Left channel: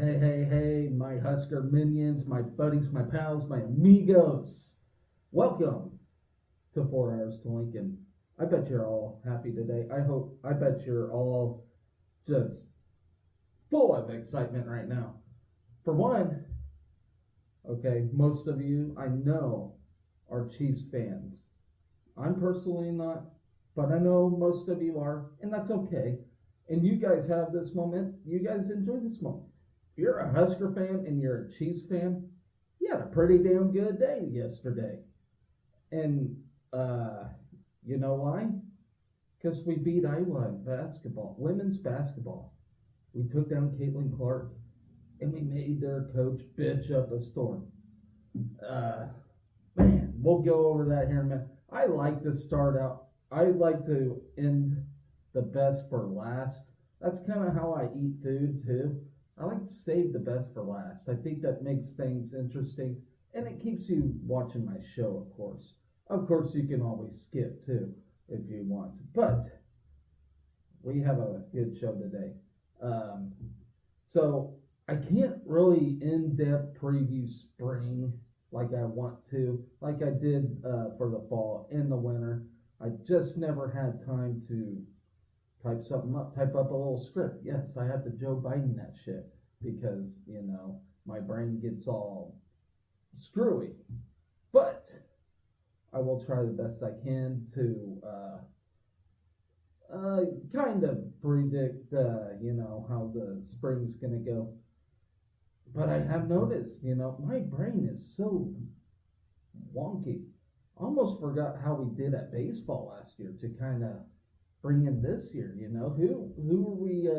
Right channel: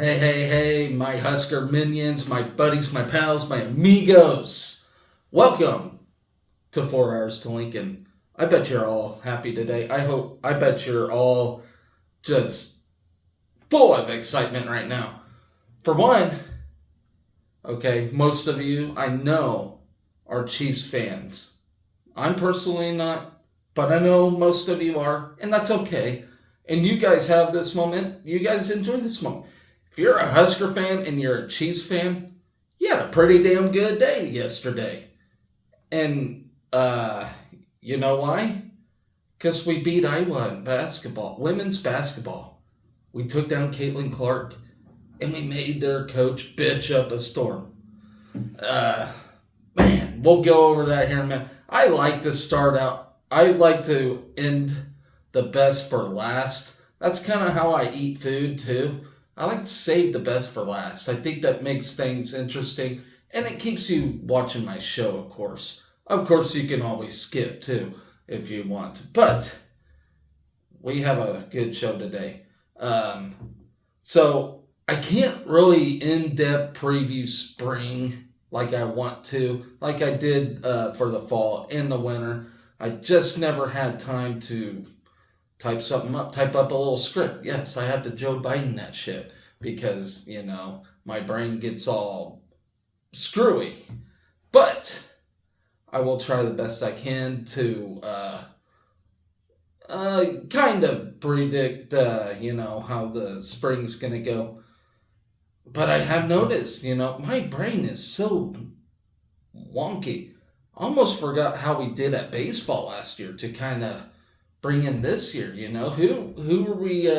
Hey, hey, hey, my Husker minions, my buddies, my pals, my amigos. Welcome to 4 Hours to Lincoln. I bet you're all happy today. I bet you're all just full of excitement right now. For one, okay, most of you I know are Chiefs fans. I'm personally not, but I know most of you are, and that's okay. And you guys have this moment. You guys enjoy this moment. If you're a Husker fan and you're a Chiefs fan, you had a pretty damn good day yesterday. And you know why? Because we beat Iowa in basketball, women's basketball. We took down Caitlin Clark, and we made their coach bitch up a storm. Uh, Man, we'll go over that here in a minute. I like to start out. I like to end the best for last. That's kind of how I eat food too. I like to save the best for last. I think that makes things interesting, and it keeps you watching my show, of course. Of course, you can always skip too if you want. But we have a good show today. Um, so I can't really in-depth preview spring like I want to, like I did for the fall and the winter. I just never had time to type something up, type up a little script. Yes, I had to Joe Biden that shit because, my brain gets all screwy. But I will try the best I can to kind of predict, how the spring's going to go. But I have noticed, my brain is so wonky. Almost forgot how we did at baseball last year to kind of bring in this year. Who are we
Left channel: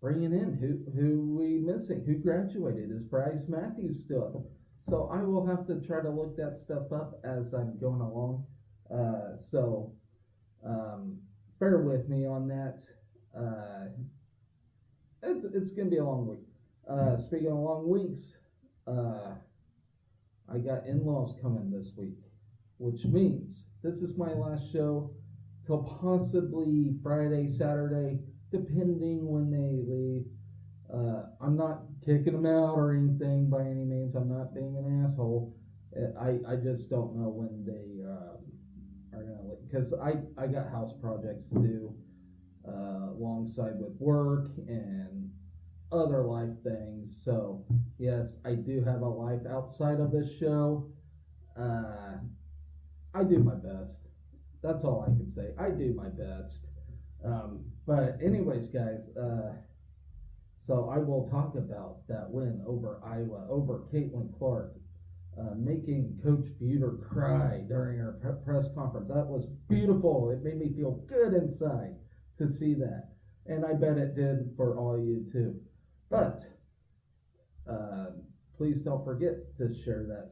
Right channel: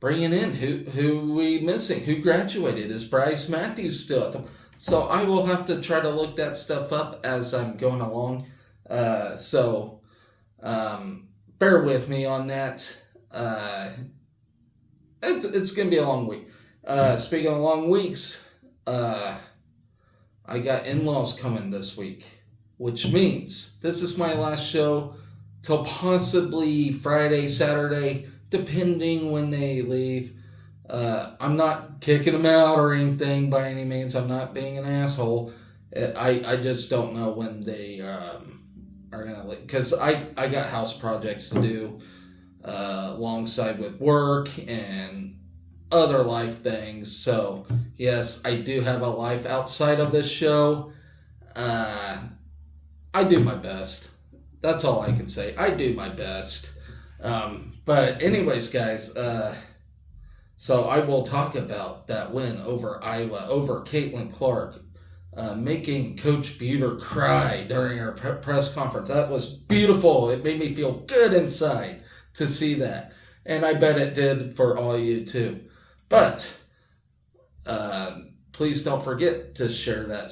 bringing in? Who are we missing? Who graduated? Is Bryce Matthews still at the? So I will have to try to look that stuff up as I'm going along. So bear with me on that. It's gonna be a long week. Speaking of long weeks, I got in-laws coming this week, which means this is my last show till possibly Friday, Saturday, depending when they leave. I'm not kicking them out or anything by any means. I'm not being an asshole. I just don't know when they are gonna leave because I got house projects to do alongside with work and other life things. So yes, I do have a life outside of this show. I do my best. That's all I can say. I do my best. But anyways, guys, so I will talk about that win over Iowa, over Caitlin Clark, making Coach Buter cry during her press conference. That was beautiful. It made me feel good inside to see that. And I bet it did for all you too. But please don't forget to share that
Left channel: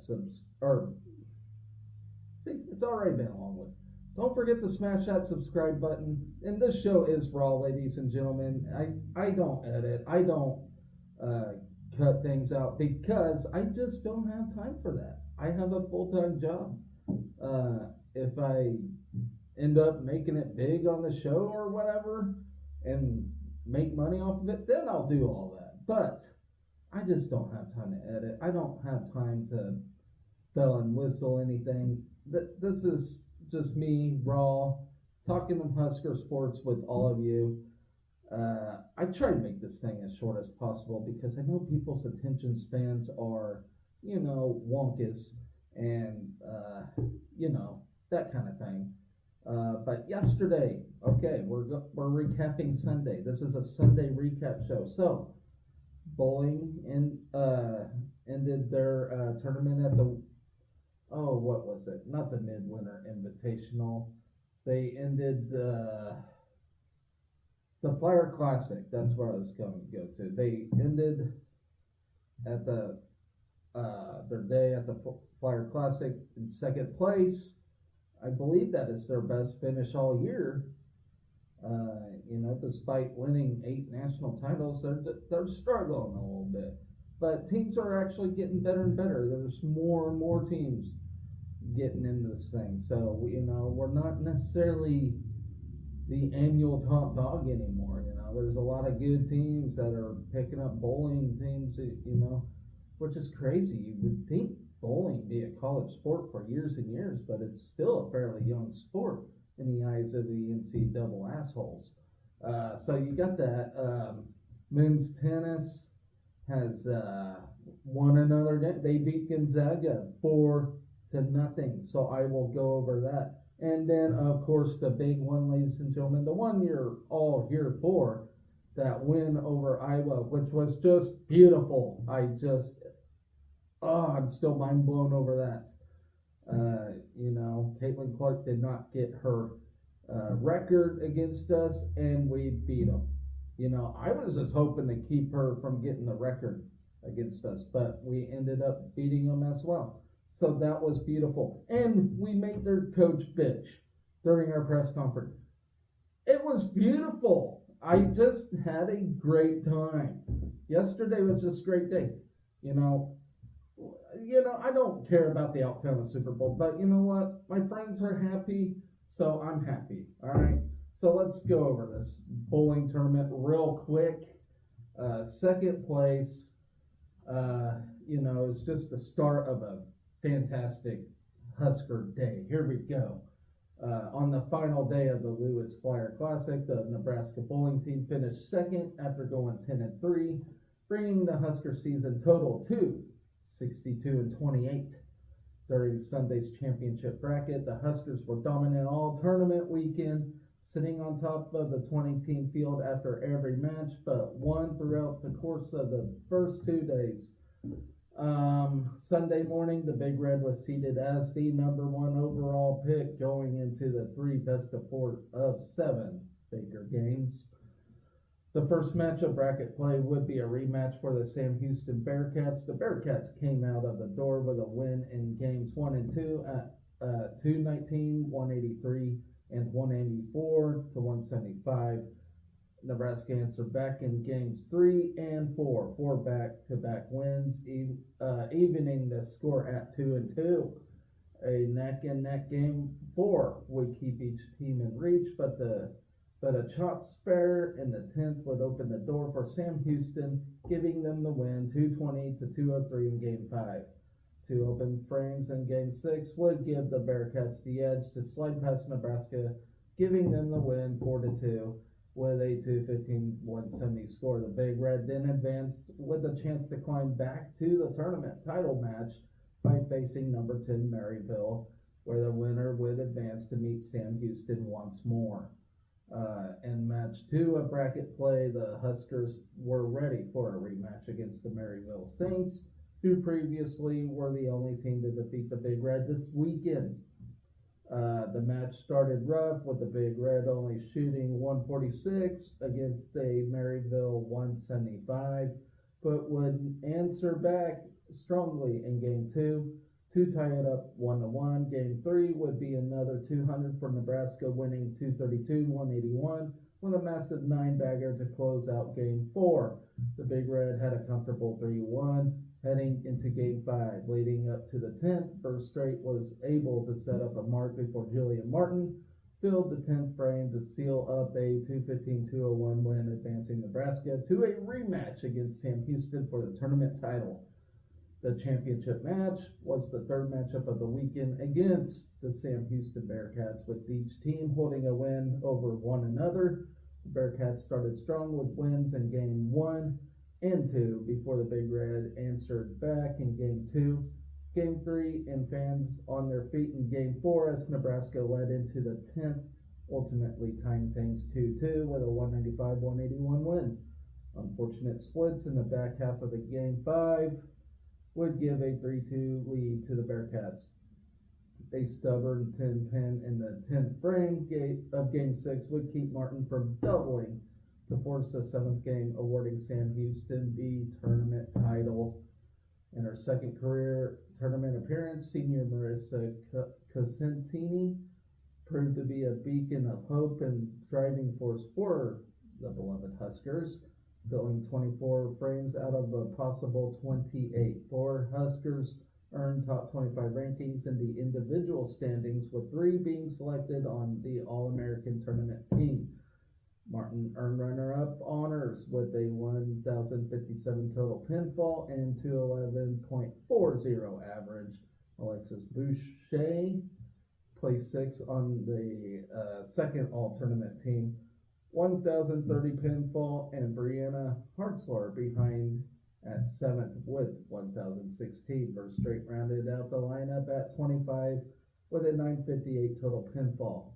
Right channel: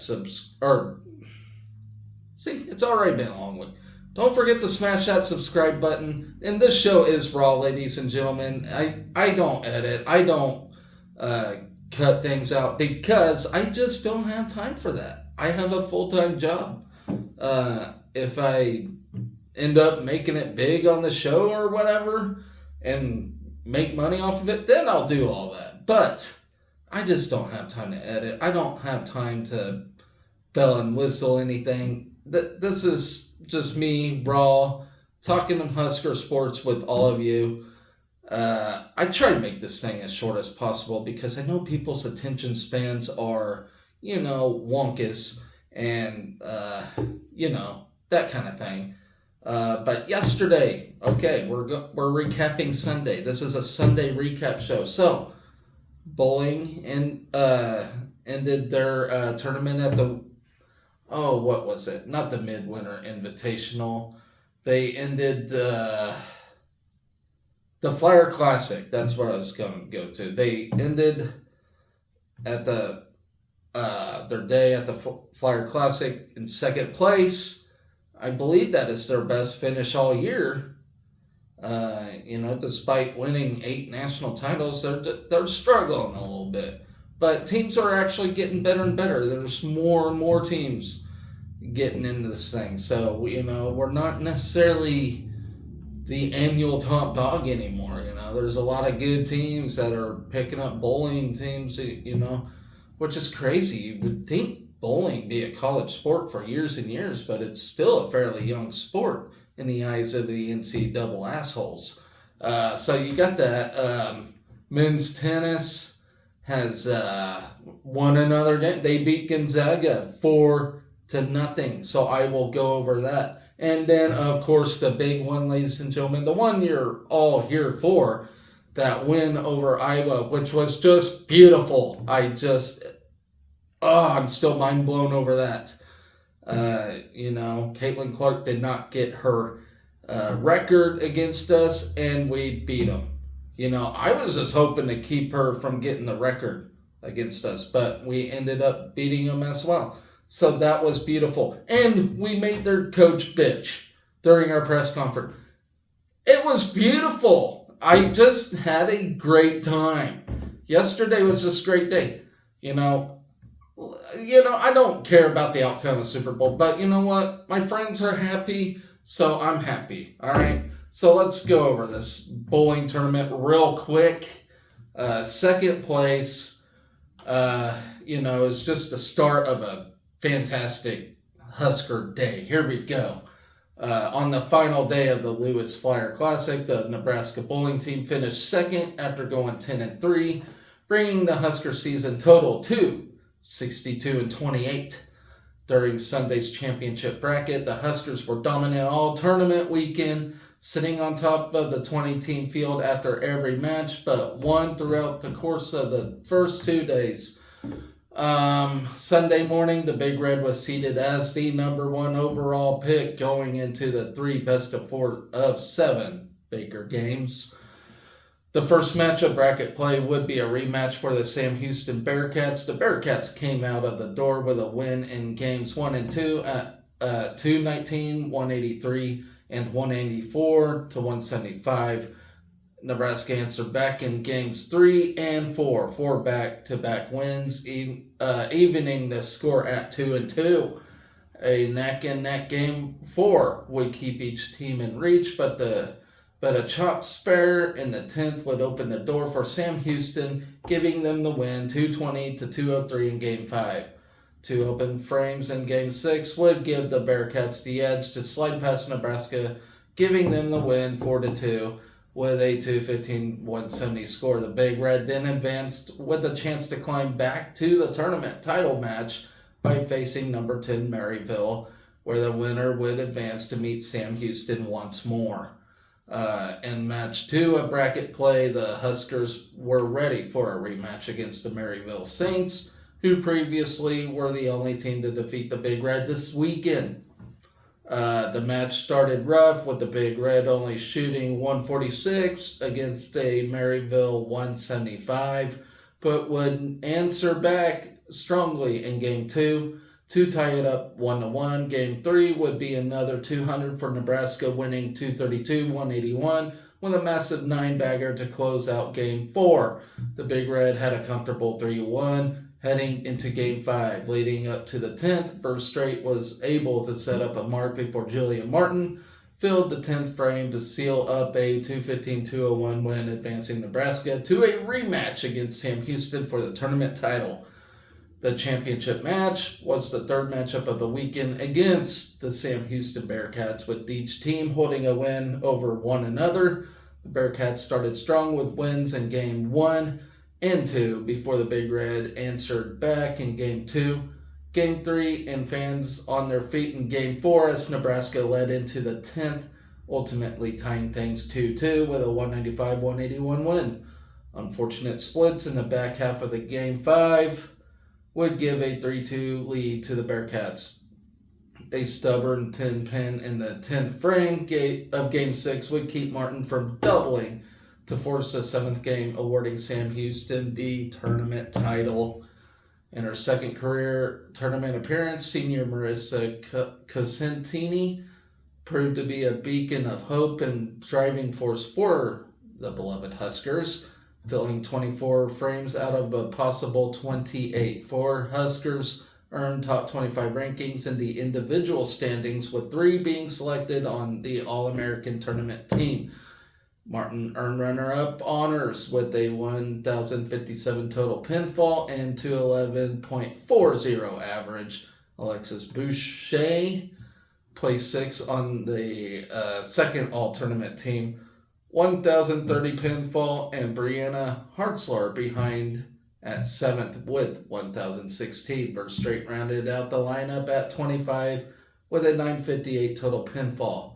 it's already been a long week. Don't forget to smash that subscribe button. And this show is raw, ladies and gentlemen. I don't edit. I don't cut things out because I just don't have time for that. I have a full-time job. If I end up making it big on the show or whatever and make money off of it, then I'll do all that. But I just don't have time to edit. I don't have time to bell and whistle anything. This is just me, raw, talking Husker sports with all of you. I try to make this thing as short as possible because I know people's attention spans are, wonkus and, that kind of thing. But yesterday, okay, we're recapping Sunday. This is a Sunday recap show. So, bowling ended their tournament at the what was it? Not the Midwinter Invitational. They ended the Flyer Classic. That's where I was going to go to. They ended at the their day at the Flyer Classic in second place. I believe that is their best finish all year. Despite winning 8 national titles, they're struggling a little bit. But teams are actually getting better and better. There's more and more teams getting into this thing. So, we're not necessarily the annual top dog anymore. there's a lot of good teams that are picking up bowling teams, which is crazy. You would think bowling be a college sport for years and years, but it's still a fairly young sport in the eyes of the NC double assholes. So you got that. Men's tennis has won another game. They beat Gonzaga 4-0. So I will go over that. And then, of course, the big one, ladies and gentlemen, the one you're all here for, that win over Iowa, which was just beautiful. I'm still mind blown over that. Caitlin Clark did not get her record against us, and we beat them. I was just hoping to keep her from getting the record against us, but we ended up beating them as well. So that was beautiful. And we made their coach bitch during our press conference. It was beautiful. I just had a great time. Yesterday was just a great day. I don't care about the outcome of the Super Bowl, but you know what? My friends are happy, so I'm happy. All right? So let's go over this bowling tournament real quick. Second place, is just the start of a fantastic Husker day. Here we go. On the final day of the Lewis Flyer Classic, the Nebraska bowling team finished second after going 10-3, bringing the Husker season total to 62-28. During Sunday's championship bracket, the Huskers were dominant all tournament weekend, sitting on top of the 20-team field after every match, but won throughout the course of the first 2 days. Sunday morning, the Big Red was seated as the number 1 overall pick going into the 3 best-of-7 Baker games. The first match of bracket play would be a rematch for the Sam Houston Bearcats. The Bearcats came out of the door with a win in games 1 and 2 at 219, 183, and 184-175. Nebraska answered back in games 3 and 4 for back-to-back wins, evening the score at 2-2. A neck-and-neck game 4 would keep each team in reach, but a chopped spare in the 10th would open the door for Sam Houston, giving them the win 220-203 in game 5. 2 open frames in game 6 would give the Bearcats the edge to slide past Nebraska, giving them the win 4-2. With a 215-170 score, the Big Red then advanced with a chance to climb back to the tournament title match by facing number 10 Maryville, where the winner would advance to meet Sam Houston once more. In match 2 of bracket play, the Huskers were ready for a rematch against the Maryville Saints, who previously were the only team to defeat the Big Red this weekend. The match started rough, with the Big Red only shooting 146 against a Maryville 175, but would answer back strongly in Game 2 to tie it up 1-1. Game 3 would be another 200 for Nebraska, winning 232-181 with a massive 9-bagger to close out Game 4. The Big Red had a comfortable 3-1. Heading into Game 5, leading up to the 10th, First Straight was able to set up a mark before Julian Martin filled the 10th frame to seal up a 215-201 win, advancing Nebraska to a rematch against Sam Houston for the tournament title. The championship match was the third matchup of the weekend against the Sam Houston Bearcats, with each team holding a win over one another. The Bearcats started strong with wins in Game 1 and 2 before the Big Red answered back in Game 2. Game 3 and fans on their feet in Game 4 as Nebraska led into the 10th, ultimately tying things 2-2 with a 195-181 win. Unfortunate splits in the back half of the Game 5 would give a 3-2 lead to the Bearcats. A stubborn 10-pin in the 10th frame of Game 6 would keep Martin from doubling to force a 7th game, awarding Sam Houston the tournament title. In her second career tournament appearance, senior Marissa Cosentini proved to be a beacon of hope and driving force for the beloved Huskers, filling 24 frames out of a possible 28. 4 Huskers earned top 25 rankings in the individual standings, with 3 being selected on the All-American tournament team. Martin earned runner-up honors with a 1,057 total pinfall and 211.40 average. Alexis Boucher placed 6th on the second all-tournament team, 1,030 pinfall, and Brianna Hartzler behind at 7th with 1,016. Verstrate rounded out the lineup at 25 with a 958 total pinfall.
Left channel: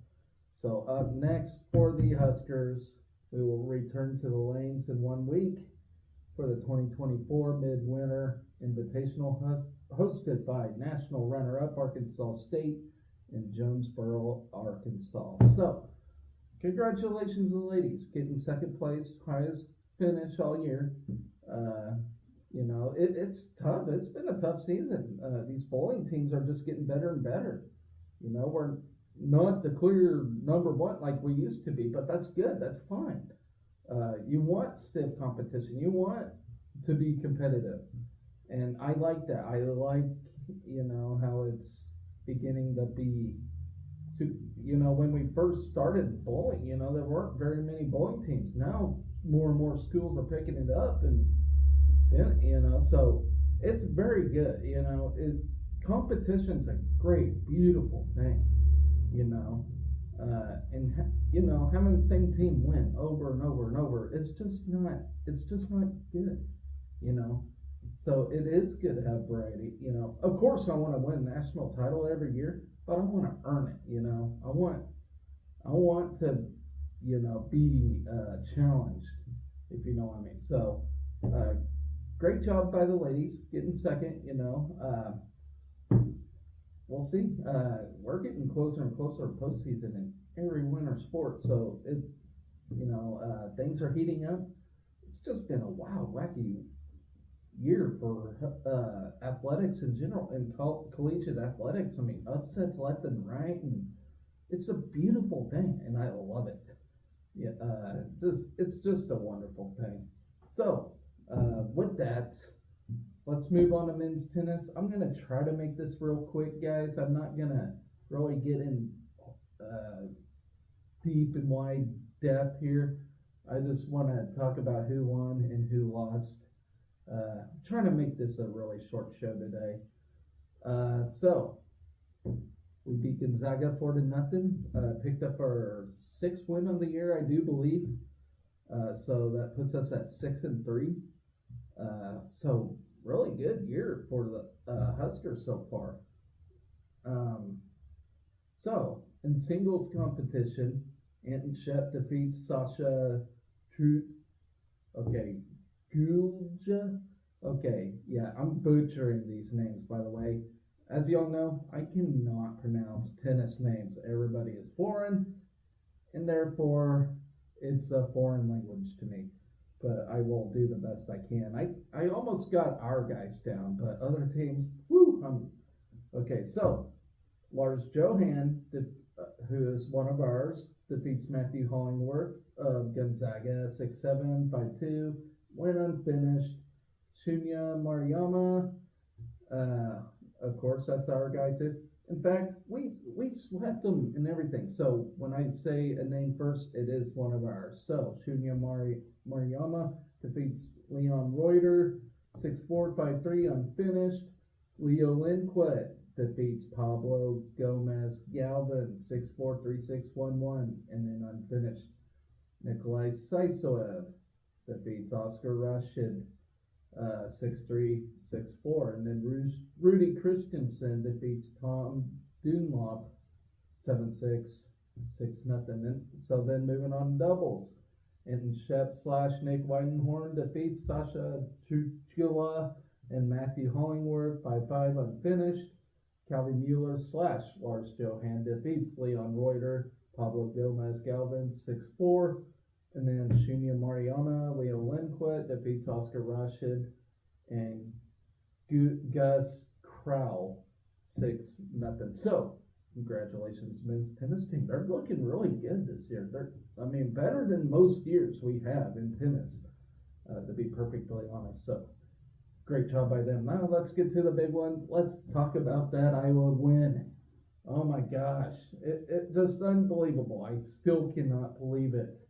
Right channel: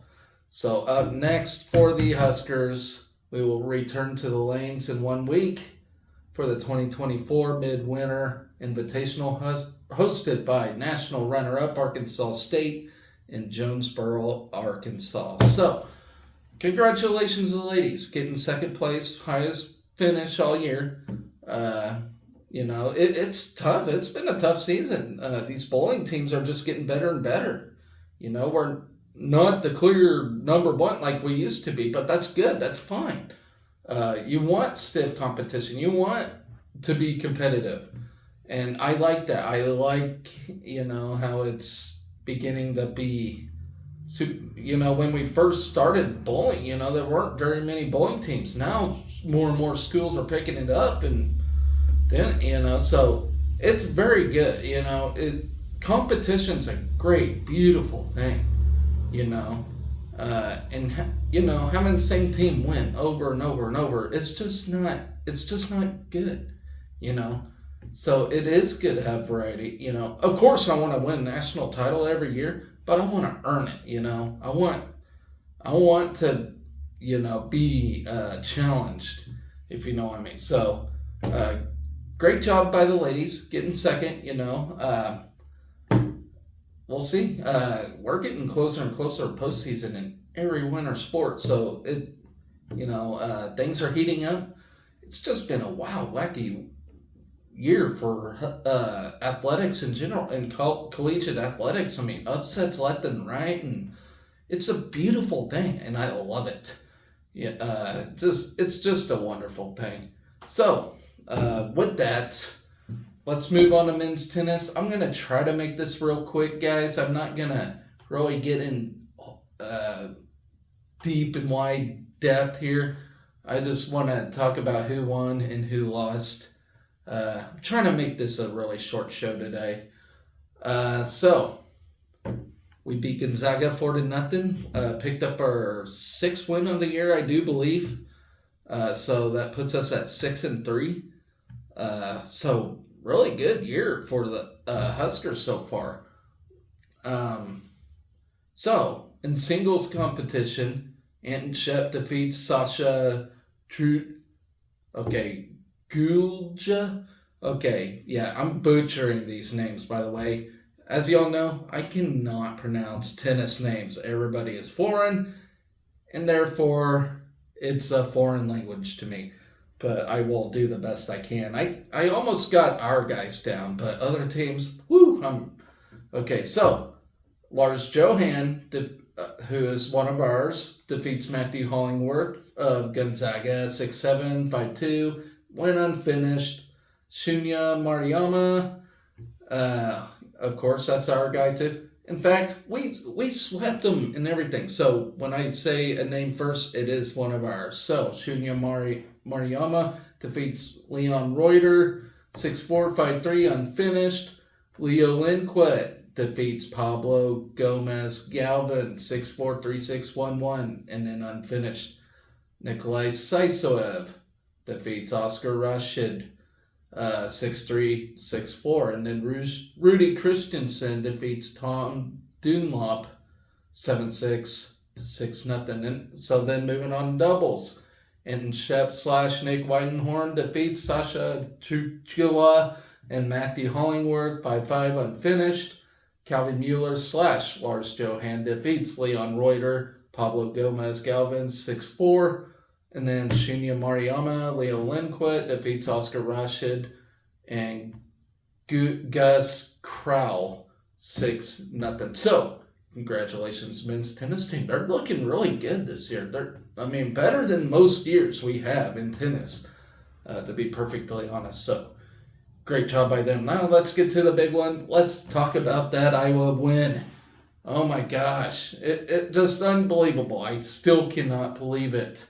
So up next for the Huskers, we will return to the lanes in 1 week for the 2024 Midwinter Invitational hosted by national runner-up Arkansas State in Jonesboro, Arkansas. So congratulations to the ladies, getting second place, highest finish all year. It's tough. It's been a tough season. These bowling teams are just getting better and better. We're not the clear number one like we used to be, but that's good. That's fine. You want stiff competition. You want to be competitive. And I like that. I like, how it's beginning to be, when we first started bowling, there weren't very many bowling teams. Now more and more schools are picking it up, and then, so it's very good. Competition's a great, beautiful thing. Having the same team win over and over and over, it's just not good, So it is good to have variety, Of course, I want to win a national title every year, but I want to earn it, I want to, be challenged, if you know what I mean. So, great job by the ladies getting second, We'll see. We're getting closer and closer to postseason in every winter sport, so things are heating up. It's just been a wacky year for athletics in general and collegiate athletics. I mean, upsets left and right, and it's a beautiful thing, and I love it. It's just a wonderful thing. So, with that, let's move on to men's tennis. I'm going to try to make this real quick, guys. I'm not going to really get in deep and wide depth here. I just want to talk about who won and who lost. I'm trying to make this a really short show today. So, we beat Gonzaga 4-0. Picked up our 6th win of the year, I do believe. So that puts us at 6-3. So really good year for the Huskers so far. So in singles competition, Anton Shep defeats Sasha Gulja. Okay, yeah, I'm butchering these names, by the way. As y'all know, I cannot pronounce tennis names. Everybody is foreign, and therefore it's a foreign language to me. But I will do the best I can. I almost got our guys down, but other teams, okay, so Lars Johan, who is one of ours, defeats Matthew Hollingworth of Gonzaga 6-7, 5-2, went unfinished. Shunya Mariyama, of course, that's our guy too. In fact, we swept them and everything. So when I say a name first, it is one of ours. So Shunya Mariyama defeats Leon Reuter 6-4, 5-3, unfinished. Leo Lindquist defeats Pablo Gomez Galvin 6-4, 3-6, 1-1, and then unfinished. Nikolai Saisoev defeats Oscar Rashid 6-3, 6-4, and then Rudy Christensen defeats Tom Dunlop 7-6 to 6-0. And so then moving on to doubles, Anton Shep / Nick Weidenhorn defeats Sasha Trujilla and Matthew Hollingworth 5-5, unfinished. Calvin Mueller / Lars Johan defeats Leon Reuter, Pablo Gomez Galvin 6-4. And then Shunya Mariyama, Leo Lindquist defeats Oscar Rashid and Gus Crowell 6-0. So, congratulations, men's tennis team. They're looking really good this year. Better than most years we have in tennis, to be perfectly honest. So, great job by them. Now, let's get to the big one. Let's talk about that Iowa win. Oh my gosh. It just unbelievable. I still cannot believe it.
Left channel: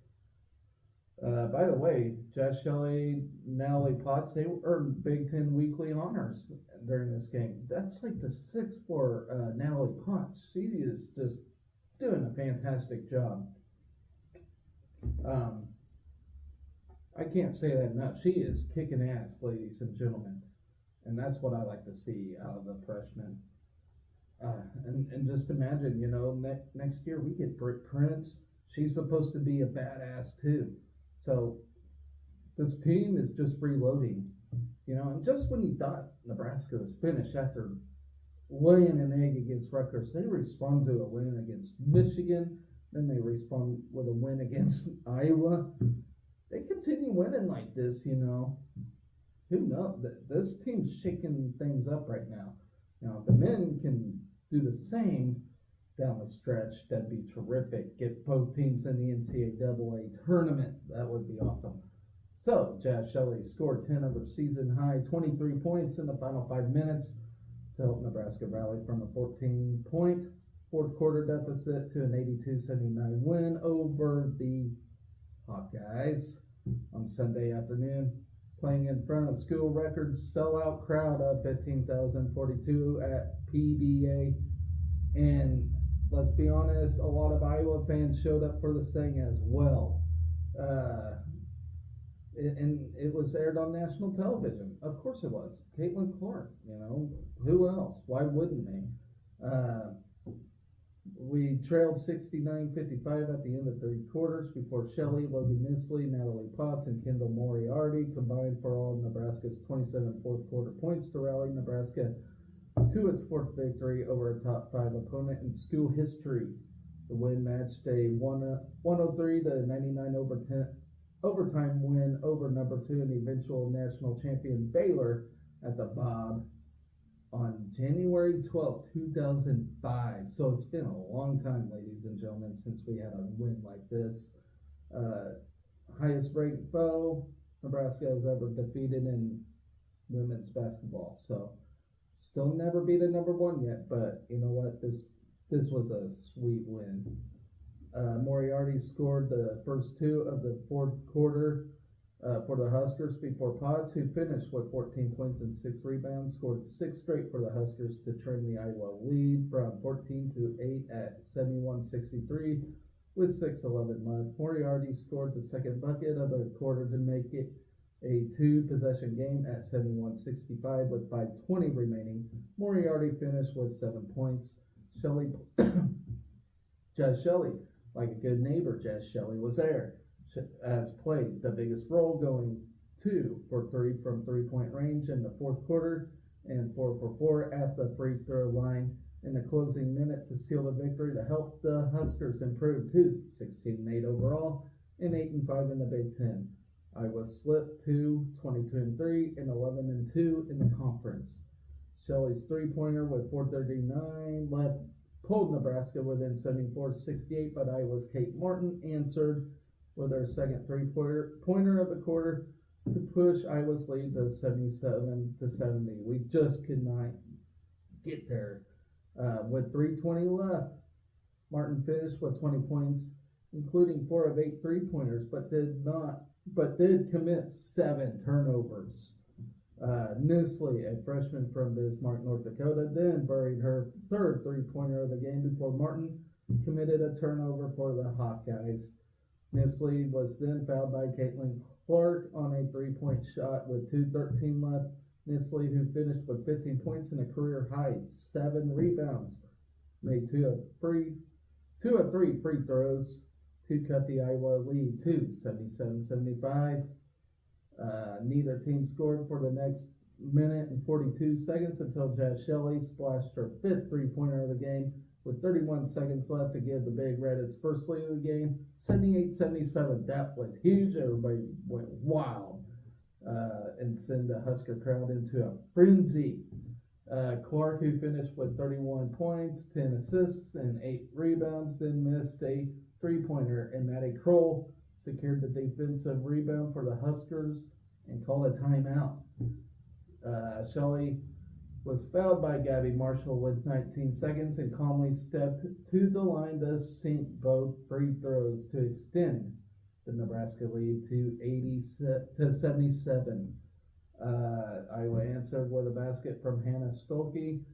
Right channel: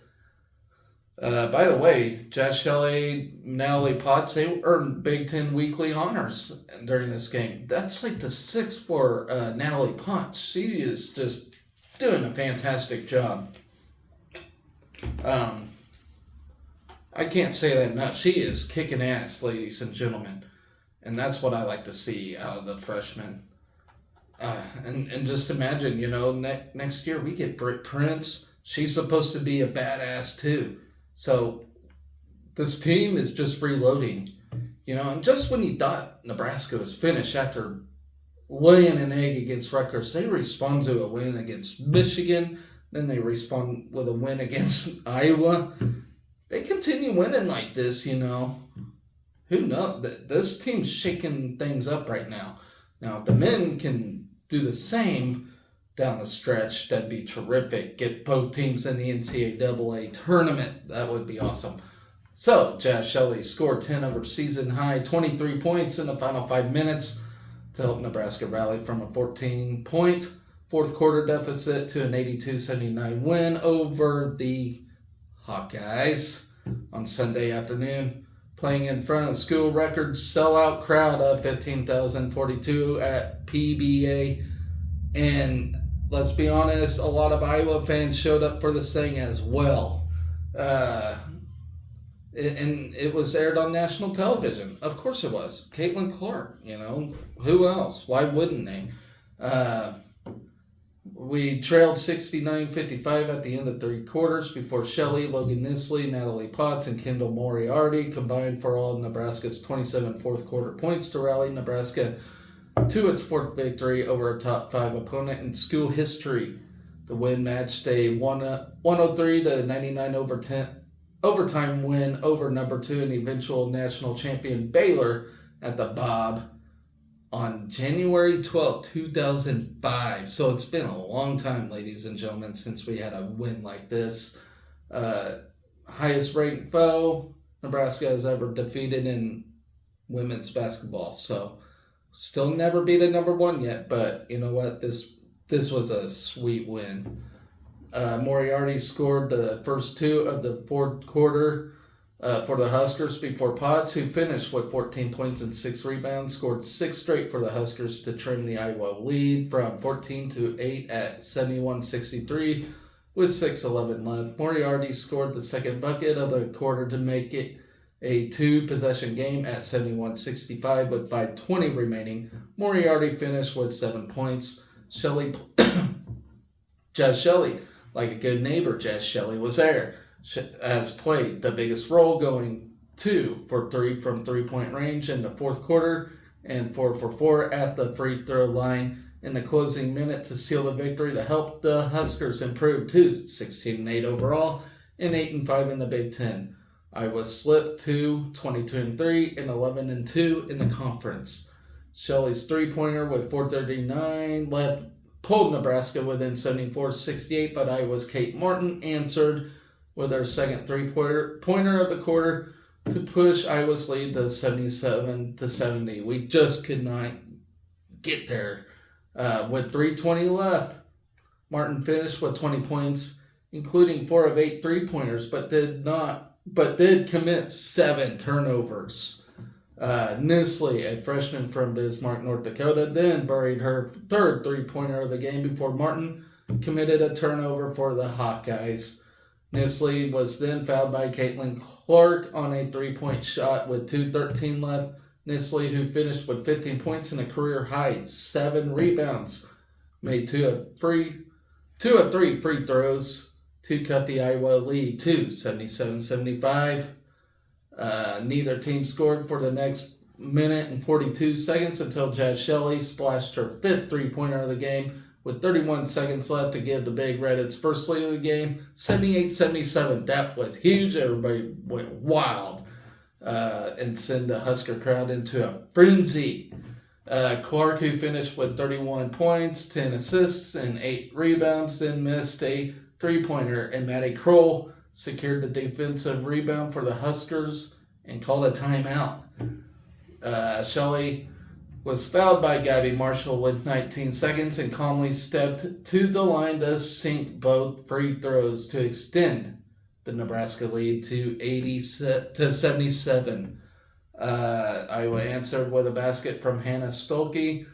By the way, Josh Shelley, Natalie Potts, they earned Big Ten weekly honors during this game. That's like the sixth for Natalie Potts. She is just doing a fantastic job. Um, I can't say that enough. She is kicking ass, ladies and gentlemen. And that's what I like to see out of the freshmen. And just imagine, next year we get Britt Prince. She's supposed to be a badass too. So this team is just reloading, and just when you thought Nebraska was finished after laying an egg against Rutgers, they respond to a win against Michigan. Then they respond with a win against Iowa. They continue winning like this, Who knows? This team's shaking things up right now. Now, if the men can do the same down the stretch, that'd be terrific. Get both teams in the NCAA tournament. That would be awesome. So, Josh Shelley scored 10 over season high, 23 points in the final 5 minutes to help Nebraska rally from a 14-point fourth quarter deficit to an 82-79 win over the Hawkeyes on Sunday afternoon, playing in front of a school record sellout crowd of 15,042 at PBA. And let's be honest, a lot of Iowa fans showed up for this thing as well. And it was aired on national television. Of course it was. Caitlin Clark, who else? Why wouldn't they? We trailed 69-55 at the end of 3 quarters before Shelley, Logan Nisley, Natalie Potts, and Kendall Moriarty combined for all of Nebraska's 27 fourth quarter points to rally Nebraska to its 4th victory over a top 5 opponent in school history. The win matched a 103-99 overtime win over number 2 and eventual national champion Baylor at the Bob on January 12, 2005. So it's been a long time, ladies and gentlemen, since we had a win like this. Highest ranked foe Nebraska has ever defeated in women's basketball. So still never beat a number 1 yet, but you know what? This was a sweet win. Moriarty scored the first 2 of the fourth quarter for the Huskers before Potts, who finished with 14 points and 6 rebounds, scored 6 straight for the Huskers to trim the Iowa lead from 14-8 at 71-63 with 6:11 left. Moriarty scored the second bucket of the quarter to make it a 2-possession game at 71-65 with 5:20 remaining. Moriarty finished with 7 points. Jazz Shelley, like a good neighbor, Jazz Shelley was there. Has played the biggest role, going 2 for 3 from 3-point range in the fourth quarter and 4 for 4 at the free throw line in the closing minute to seal the victory to help the Huskers improve to 16-8 overall and 8-5 in the Big Ten. Iowa slipped to 22-3 and 11-2 in the conference. Shelley's 3-pointer with 4:39 left pulled Nebraska within 74-68, but Iowa's Kate Martin answered with her second 3-pointer of the quarter to push Iowa's lead to 77-70. We just could not get there. With 3:20 left, Martin finished with 20 points, including 4 of 8 3-pointers, but did commit 7 turnovers. Nisley, a freshman from Bismarck, North Dakota, then buried her third 3-pointer of the game before Martin committed a turnover for the Hawkeyes. Nisley was then fouled by Caitlin Clark on a 3-point shot with 2:13 left. Nisley, who finished with 15 points and a career high 7 rebounds, made 2 of 3 free throws to cut the Iowa lead to 77-75. Neither team scored for the next minute and 42 seconds until Jazz Shelley splashed her 5th 3-pointer of the game with 31 seconds left to give the Big Red its first lead of the game, 78-77. That was huge. Everybody went wild and sent the Husker crowd into a frenzy. Clark, who finished with 31 points, 10 assists, and 8 rebounds, then missed a 3-pointer, and Maddie Kroll secured the defensive rebound for the Huskers and called a timeout. Shelley was fouled by Gabby Marshall with 19 seconds and calmly stepped to the line to sink both free throws to extend the Nebraska lead to 77. Iowa answered with a basket from Hannah Stolke.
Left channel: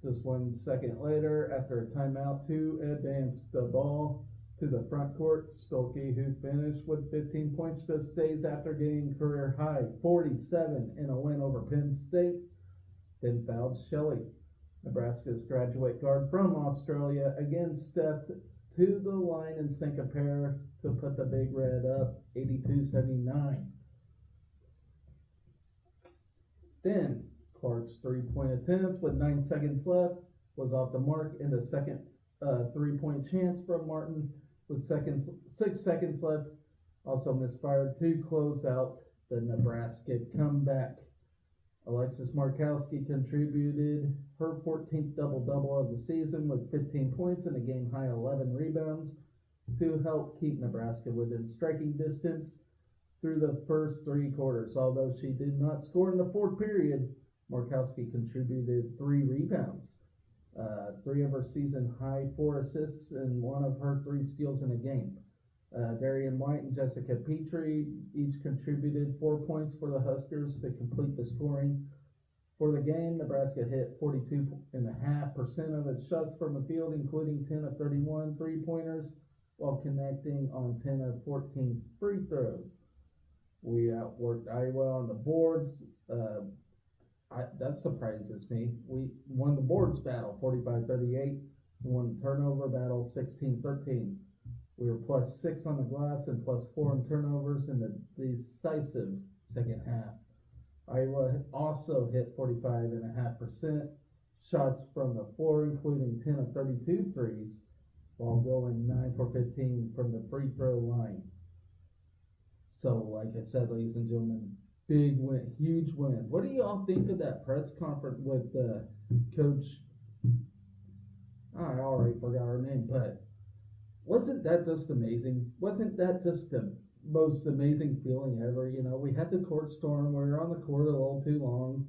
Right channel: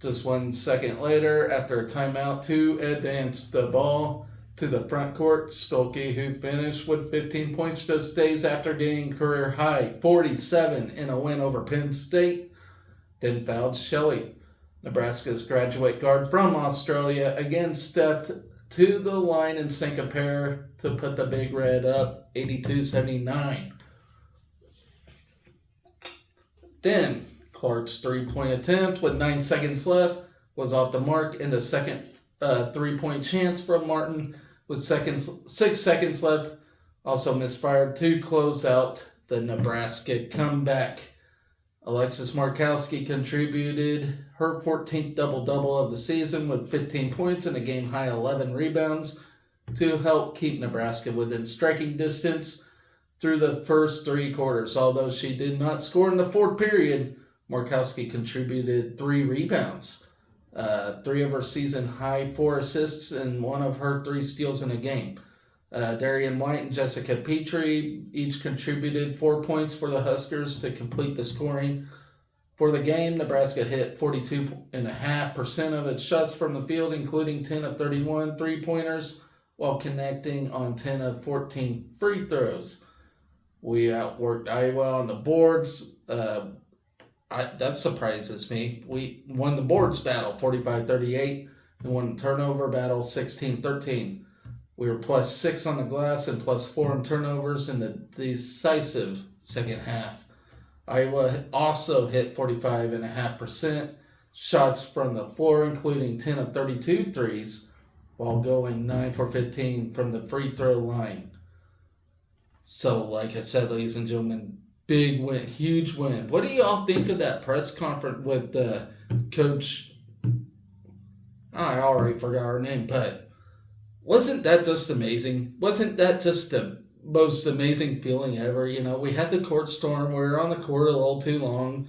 Just 1 second later, after a timeout, to advance the ball to the front court. Stolke, who finished with 15 points just days after getting career high 47 in a win over Penn State, then fouled Shelley. Nebraska's graduate guard from Australia again stepped to the line and sank a pair to put the Big Red up 82-79. Then Clark's three-point attempt with 9 seconds left was off the mark, and a second three-point chance from Martin with 6 seconds left also misfired to close out the Nebraska comeback. Alexis Markowski contributed her 14th double-double of the season with 15 points and a game-high 11 rebounds to help keep Nebraska within striking distance through the first 3 quarters. Although she did not score in the fourth period, Markowski contributed 3 rebounds, 3 of her season-high 4 assists, and 1 of her 3 steals in a game. Darian White and Jessica Petrie each contributed 4 points for the Huskers to complete the scoring. For the game, Nebraska hit 42.5% of its shots from the field, including 10 of 31 three-pointers, while connecting on 10 of 14 free throws. We outworked Iowa on the boards. That surprises me. We won the boards battle 45-38 and won the turnover battle 16-13. We were +6 on the glass and +4 in turnovers in the decisive second half. Iowa also hit 45.5% shots from the floor, including 10 of 32 threes, while going 9 for 15 from the free throw line. So, like I said, ladies and gentlemen, big win, huge win. What do y'all think of that press conference with Coach? I already forgot her name, but wasn't that just amazing? Wasn't that just the most amazing feeling ever? You know, we had the court storm. We were on the court a little too long.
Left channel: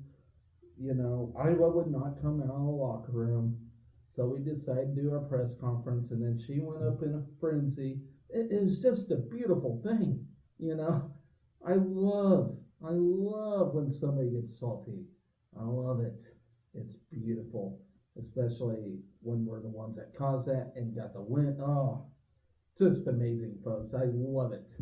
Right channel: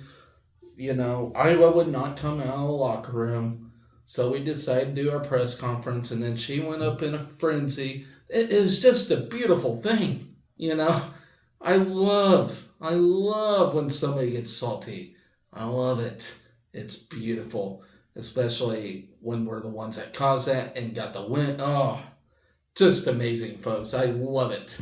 You know, Iowa would not come out of the locker room. So we decided to do our press conference, and then she went up in a frenzy. It was just a beautiful thing, you know. I love when somebody gets salty. I love it. It's beautiful, especially when we're the ones that caused that and got the win. Oh, just amazing, folks. I love it.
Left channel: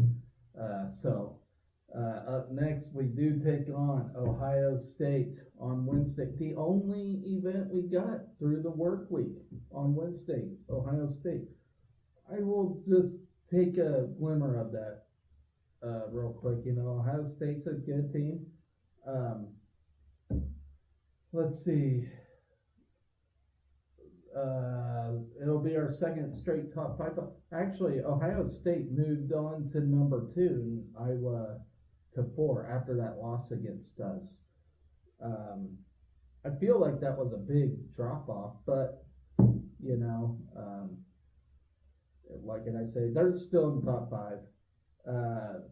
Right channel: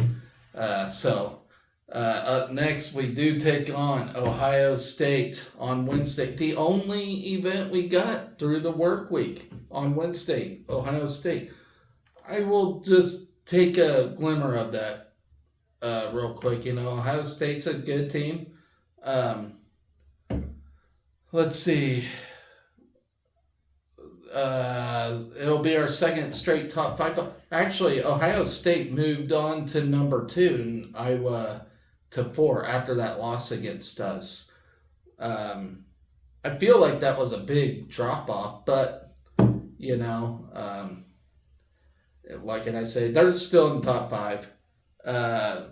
Up next, we do take on Ohio State on Wednesday. The only event we got through the work week on Wednesday, Ohio State. I will just take a glimmer of that real quick. You know, Ohio State's a good team. Let's see. It'll be our second straight top 5. Actually, Ohio State moved on to number 2 and Iowa to 4 after that loss against us. I feel like that was a big drop-off, but, you know, what can I say? They're still in the top 5.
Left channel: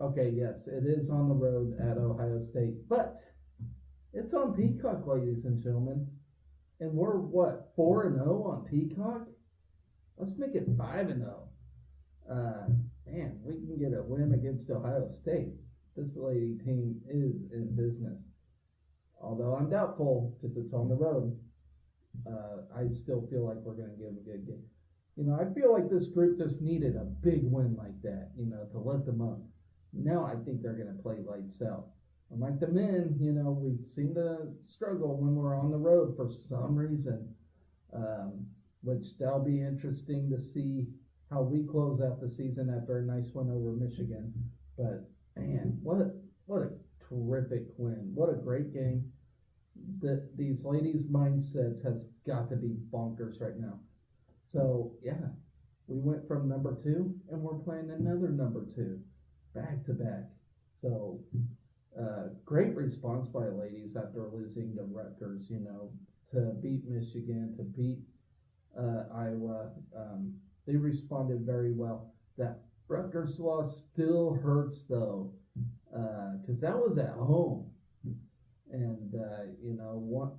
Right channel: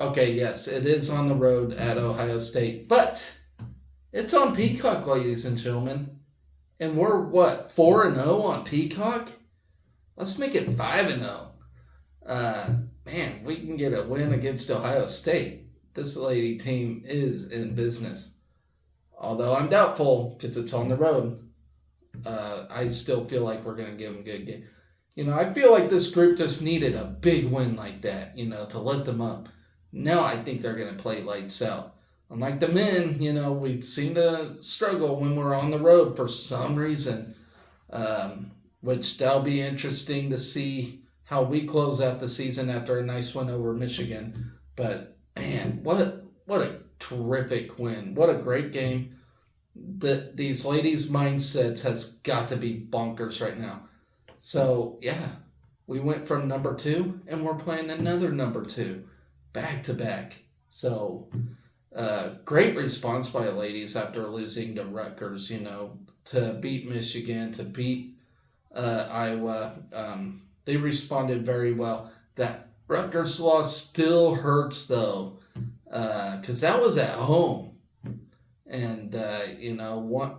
Okay, yes, it is on the road at Ohio State, but it's on Peacock, ladies and gentlemen. And we're, 4-0 on Peacock? Let's make it 5-0. Man, we can get a win against Ohio State. This lady team is in business. Although I'm doubtful because it's on the road. I still feel like we're going to give them a good game. You know, I feel like this group just needed a big win like that, you know, to lift them up. Now I think they're going to play lights out. Unlike the men, you know, we seem to struggle when we're on the road for some reason, which that'll be interesting to see how we close out the season after a nice win over Michigan. But, man, what a terrific win. What a great game. These ladies' mindsets has got to be bonkers right now. So, yeah, we went from number 2, and we're playing another number 2 back-to-back. So, great response by the ladies after losing to Rutgers, you know, to beat Michigan, to beat Iowa. They responded very well. That Rutgers loss still hurts, though, because that was at home. And, you know,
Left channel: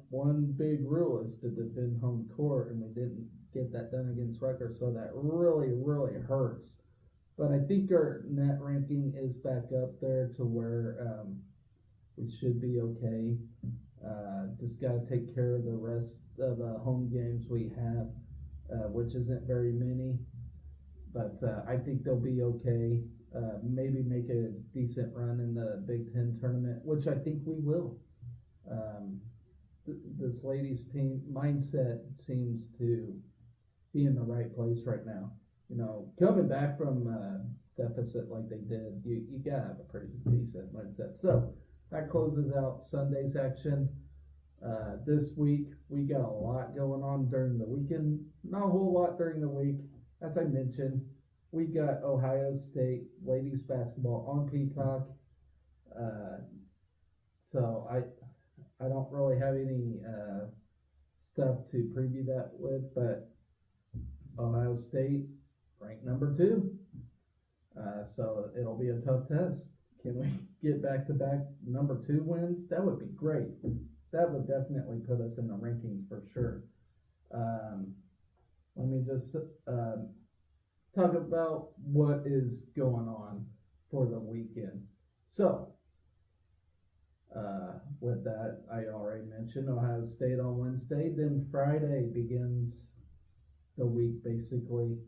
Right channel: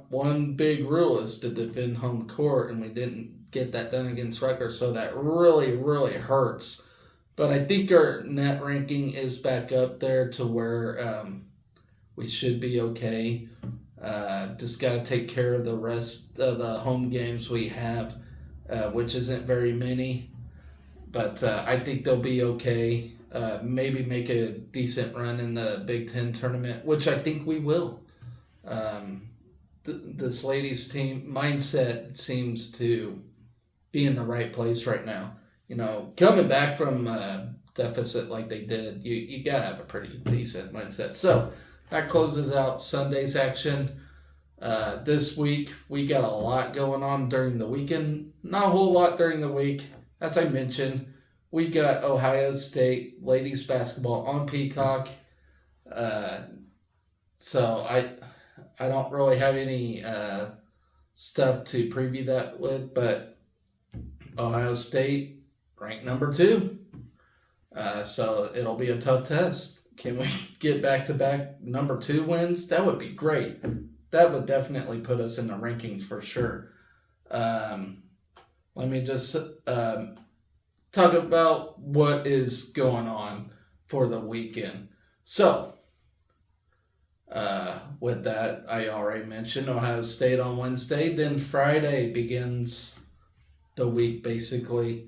one big rule is to defend home court, and we didn't get that done against Rutgers, so that really, really hurts. But I think our net ranking is back up there to where we should be okay. Just got to take care of the rest of the home games we have, which isn't very many. But I think they'll be okay. Maybe make a decent run in the Big Ten tournament, which I think we will. Um, this ladies' team mindset seems to be in the right place right now. Coming back from deficit like they did, you gotta have a pretty decent mindset. So that closes out Sunday's action. This week we got a lot going on during the weekend. Not a whole lot during the week, as I mentioned. We got Ohio State ladies basketball on Peacock. Uh, so I don't really have any stuff to preview that with, but Ohio State ranked number 2. So it'll be a tough test. Can we get back to back number 2 wins? That would be great. That would definitely put us in the rankings for sure. Let me just talk about what is going on for the weekend. So, with that, I already mentioned Ohio State on Wednesday. Then Friday begins the week basically.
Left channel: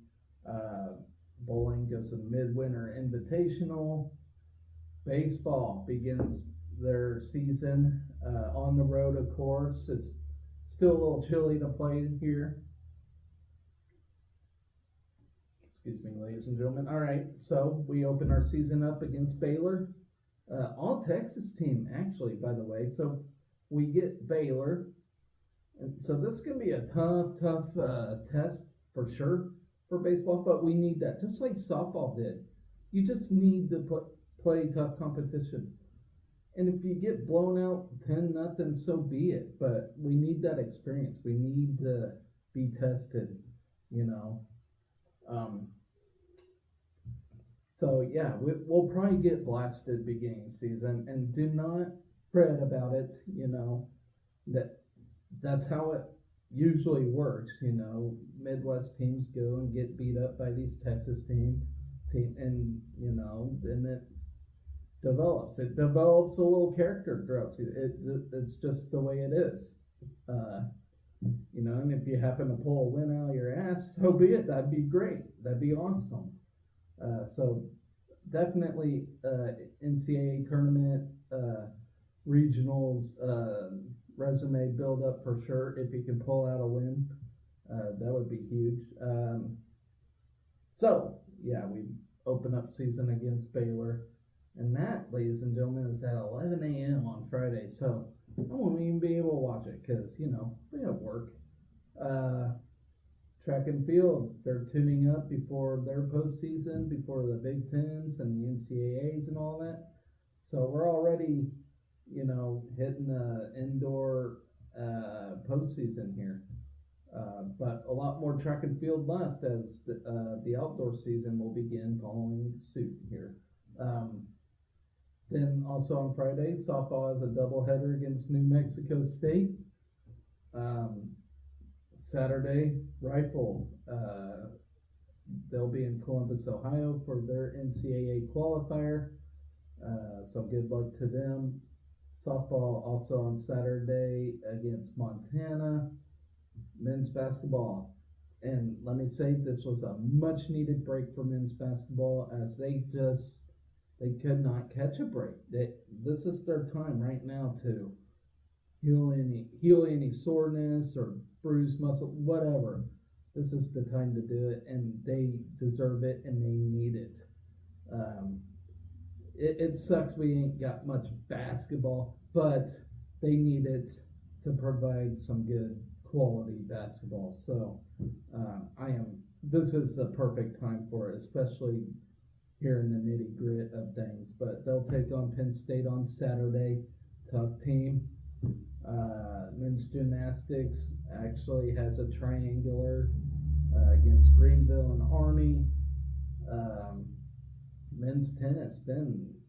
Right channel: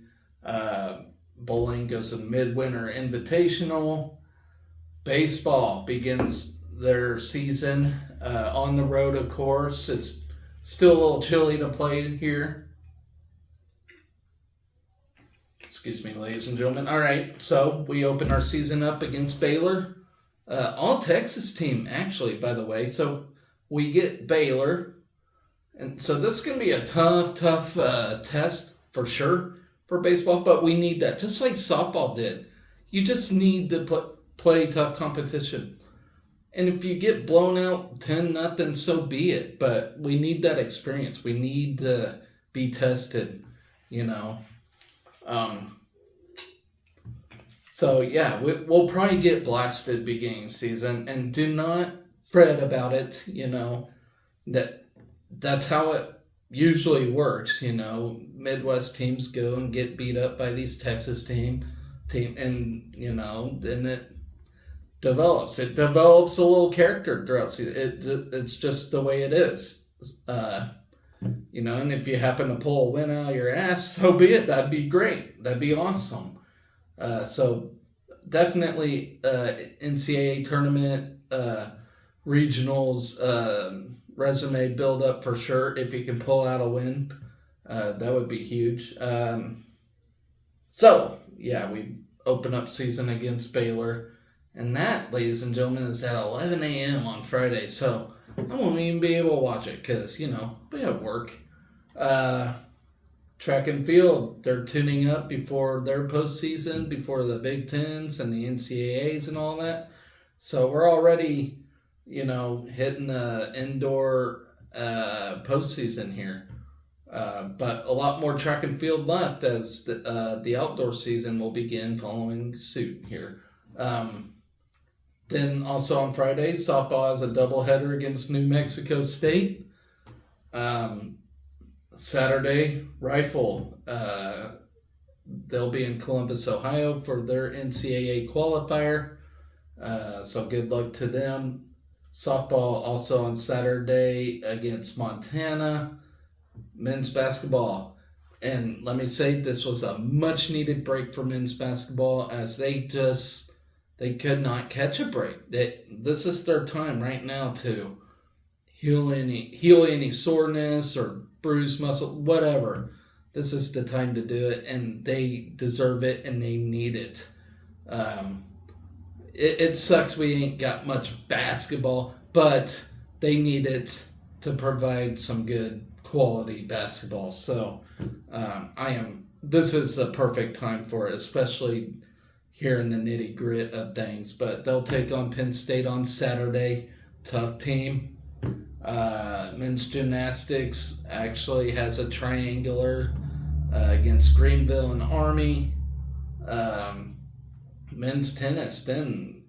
Bowling goes to Midwinter Invitational. Baseball begins their season on the road, of course. It's still a little chilly to play here. Excuse me, ladies and gentlemen. All right, so we open our season up against Baylor. All Texas team, actually, by the way. So we get Baylor. And so this is going to be a tough test for sure for baseball, but we need that, just like softball did. You just need to play tough competition. And if you get blown out 10-0, so be it. But we need that experience. We need to be tested, So, yeah, we'll probably get blasted beginning season. And do not fret about it, That's how it usually works, Midwest teams go and get beat up by these Texas team, and, then it develops. It develops a little character throughout season. It's just the way it is. And if you happen to pull a win out of your ass, so be it. That'd be great. That'd be awesome. So definitely NCAA tournament, regionals, resume build up for sure. If you can pull out a win, that would be huge. So yeah, we open up season against Baylor. And that, ladies and gentlemen, is at 11 a.m. on Friday. So I won't even be able to watch it because, we have work. Track and field, they're tuning up before their postseason, before the Big Tens and the NCAAs and all that. So we're already, hitting the indoor postseason here. But a lot more track and field left as the outdoor season will begin following suit here. Then also on Friday, softball has a doubleheader against New Mexico State. Saturday, rifle. They'll be in Columbus, Ohio for their NCAA qualifier. So good luck to them. Softball also on Saturday against Montana. Men's basketball. And let me say, this was a much needed break for men's basketball as they could not catch a break. This is their time right now to heal any soreness or bruised muscle, whatever. This is the time to do it, and they deserve it, and they need it. It sucks we ain't got much basketball, but they need it to provide some good quality basketball. So this is a perfect time for it, especially here in the nitty grit of things. But they'll take on Penn State on Saturday. Tough team. Men's gymnastics actually has a triangular against Greenville and Army. Men's tennis then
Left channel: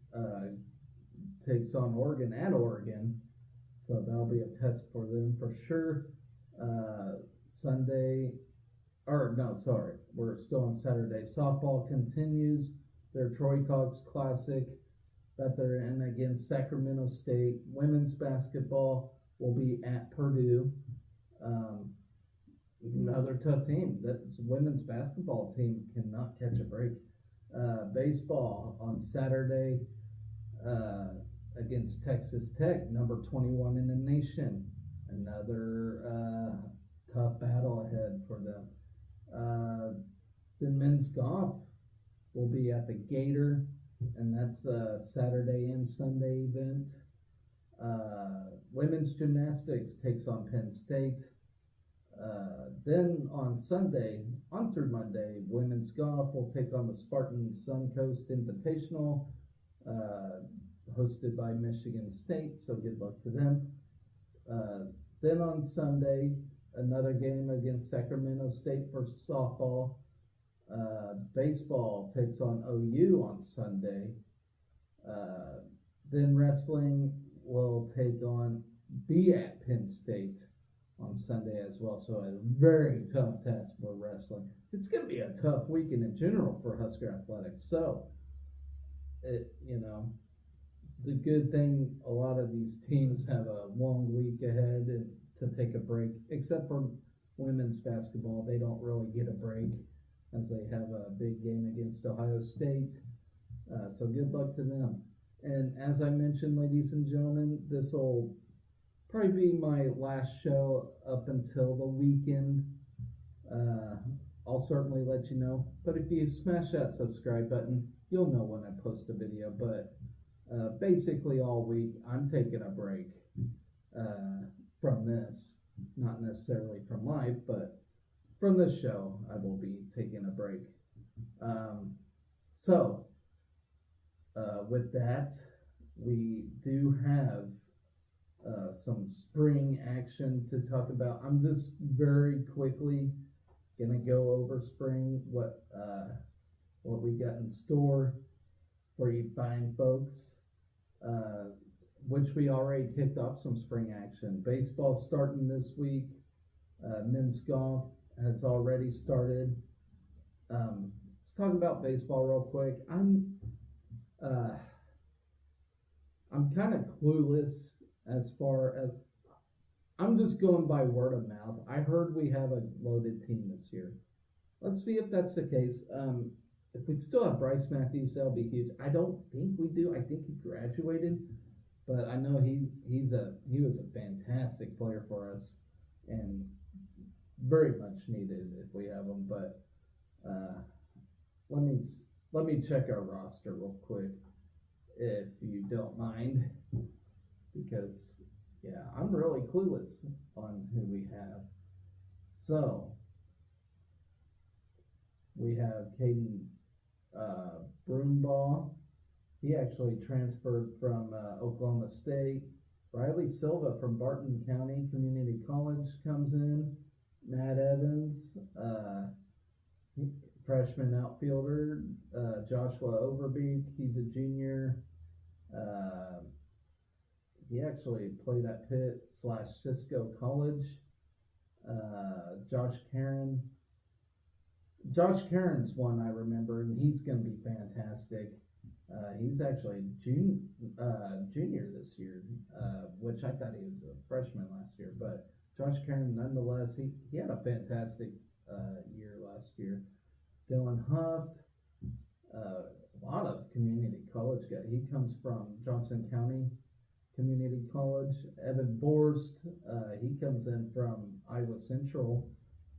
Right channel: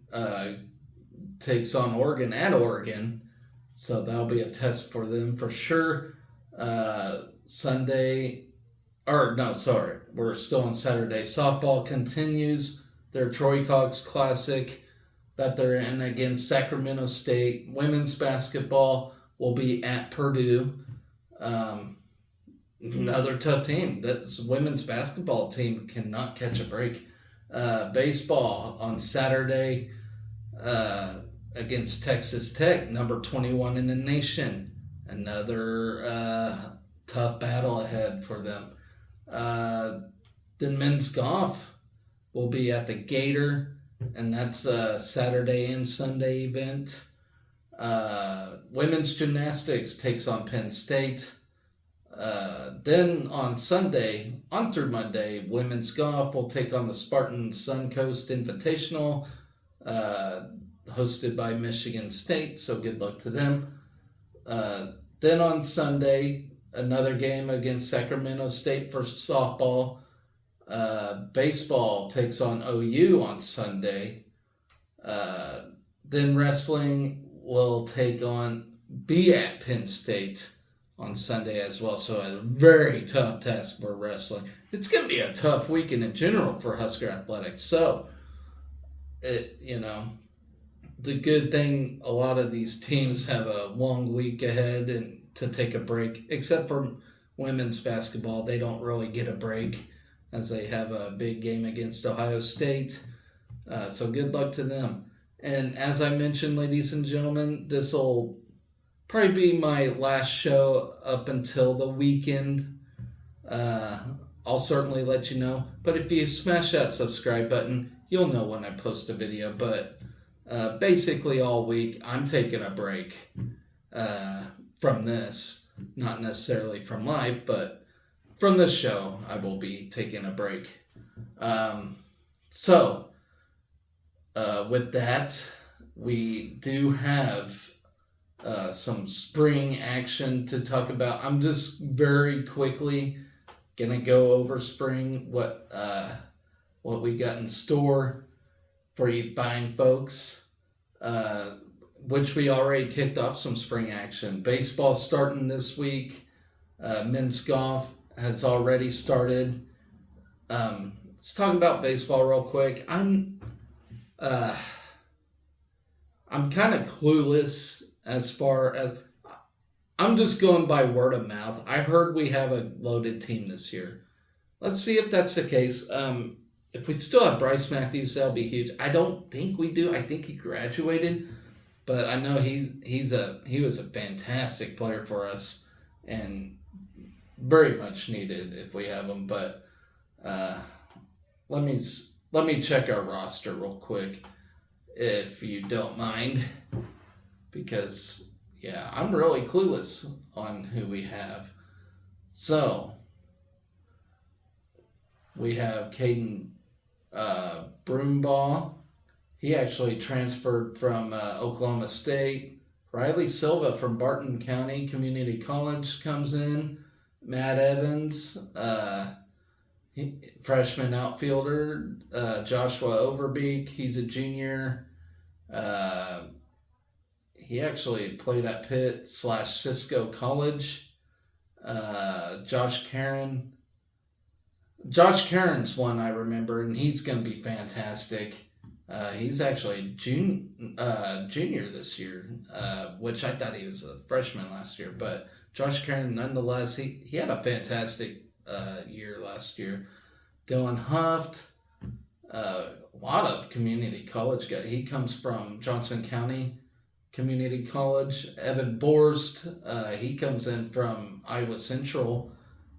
takes on Oregon at Oregon. So that'll be a test for them for sure. Sunday, or no, sorry, we're still on Saturday. Softball continues their Troy Cox Classic that they're in against Sacramento State. Women's basketball will be at Purdue. Um, Another tough team. This women's basketball team cannot catch a break. Baseball on Saturday uh, against Texas Tech, number 21 in the nation. Another tough battle ahead for them. Then men's golf will be at the Gator, and that's a Saturday and Sunday event. Women's gymnastics takes on Penn State. Then on Sunday, on through Monday, women's golf will take on the Spartan Suncoast Invitational, uh, hosted by Michigan State. So good luck to them. Then on Sunday, another game against Sacramento State for softball. Baseball takes on OU on Sunday. Then wrestling will be at Penn State on Sunday as well. So a very tough task for wrestling. It's going to be a tough weekend in general for Husker athletics. So, the good thing, a lot of these teams have a long week ahead and to take a break, except for women's basketball. They don't really get a break as they have a big game against Ohio State. So good luck to them. And as I mentioned, ladies and gentlemen, this will probably be my last show up until the weekend. I'll certainly let you know. But if you smash that subscribe button, you'll know when I post a video. But basically all week, I'm taking a break from this. Not necessarily from live, but from this show, I will be taking a break. So, with that, we do have some spring action to talk about. I'm just very quickly gonna go over spring, what we got in store for you buying folks, which we already kicked off some spring action. Baseball starting this week. Men's golf has already started. Let's talk about baseball real quick. I'm kind of clueless as far as I'm just going by word of mouth. I heard we have a loaded team this year. Let's see if that's the case. If we still have Bryce Matthews, that'll be huge. I don't think we do. I think he graduated, but I know he was a fantastic player for us and very much needed if we have him. But let me check our roster real quick, if you don't mind, because I'm really clueless on who we have. So we have Caden Broombaugh. He actually transferred from Oklahoma State. Riley Silva from Barton County Community College comes in. Matt Evans, freshman outfielder. Joshua Overbeek, he's a junior. He actually played at Pitt/Cisco College. Josh Caron's one I remember, and he's going to be fantastic. He's actually junior this year, which I thought he was a freshman last year. But Josh Caron, nonetheless, he had a fantastic year last year. Dylan Huft, a lot of community college guys. He comes from Johnson County Community College. Evan Borst, he comes in from Iowa Central.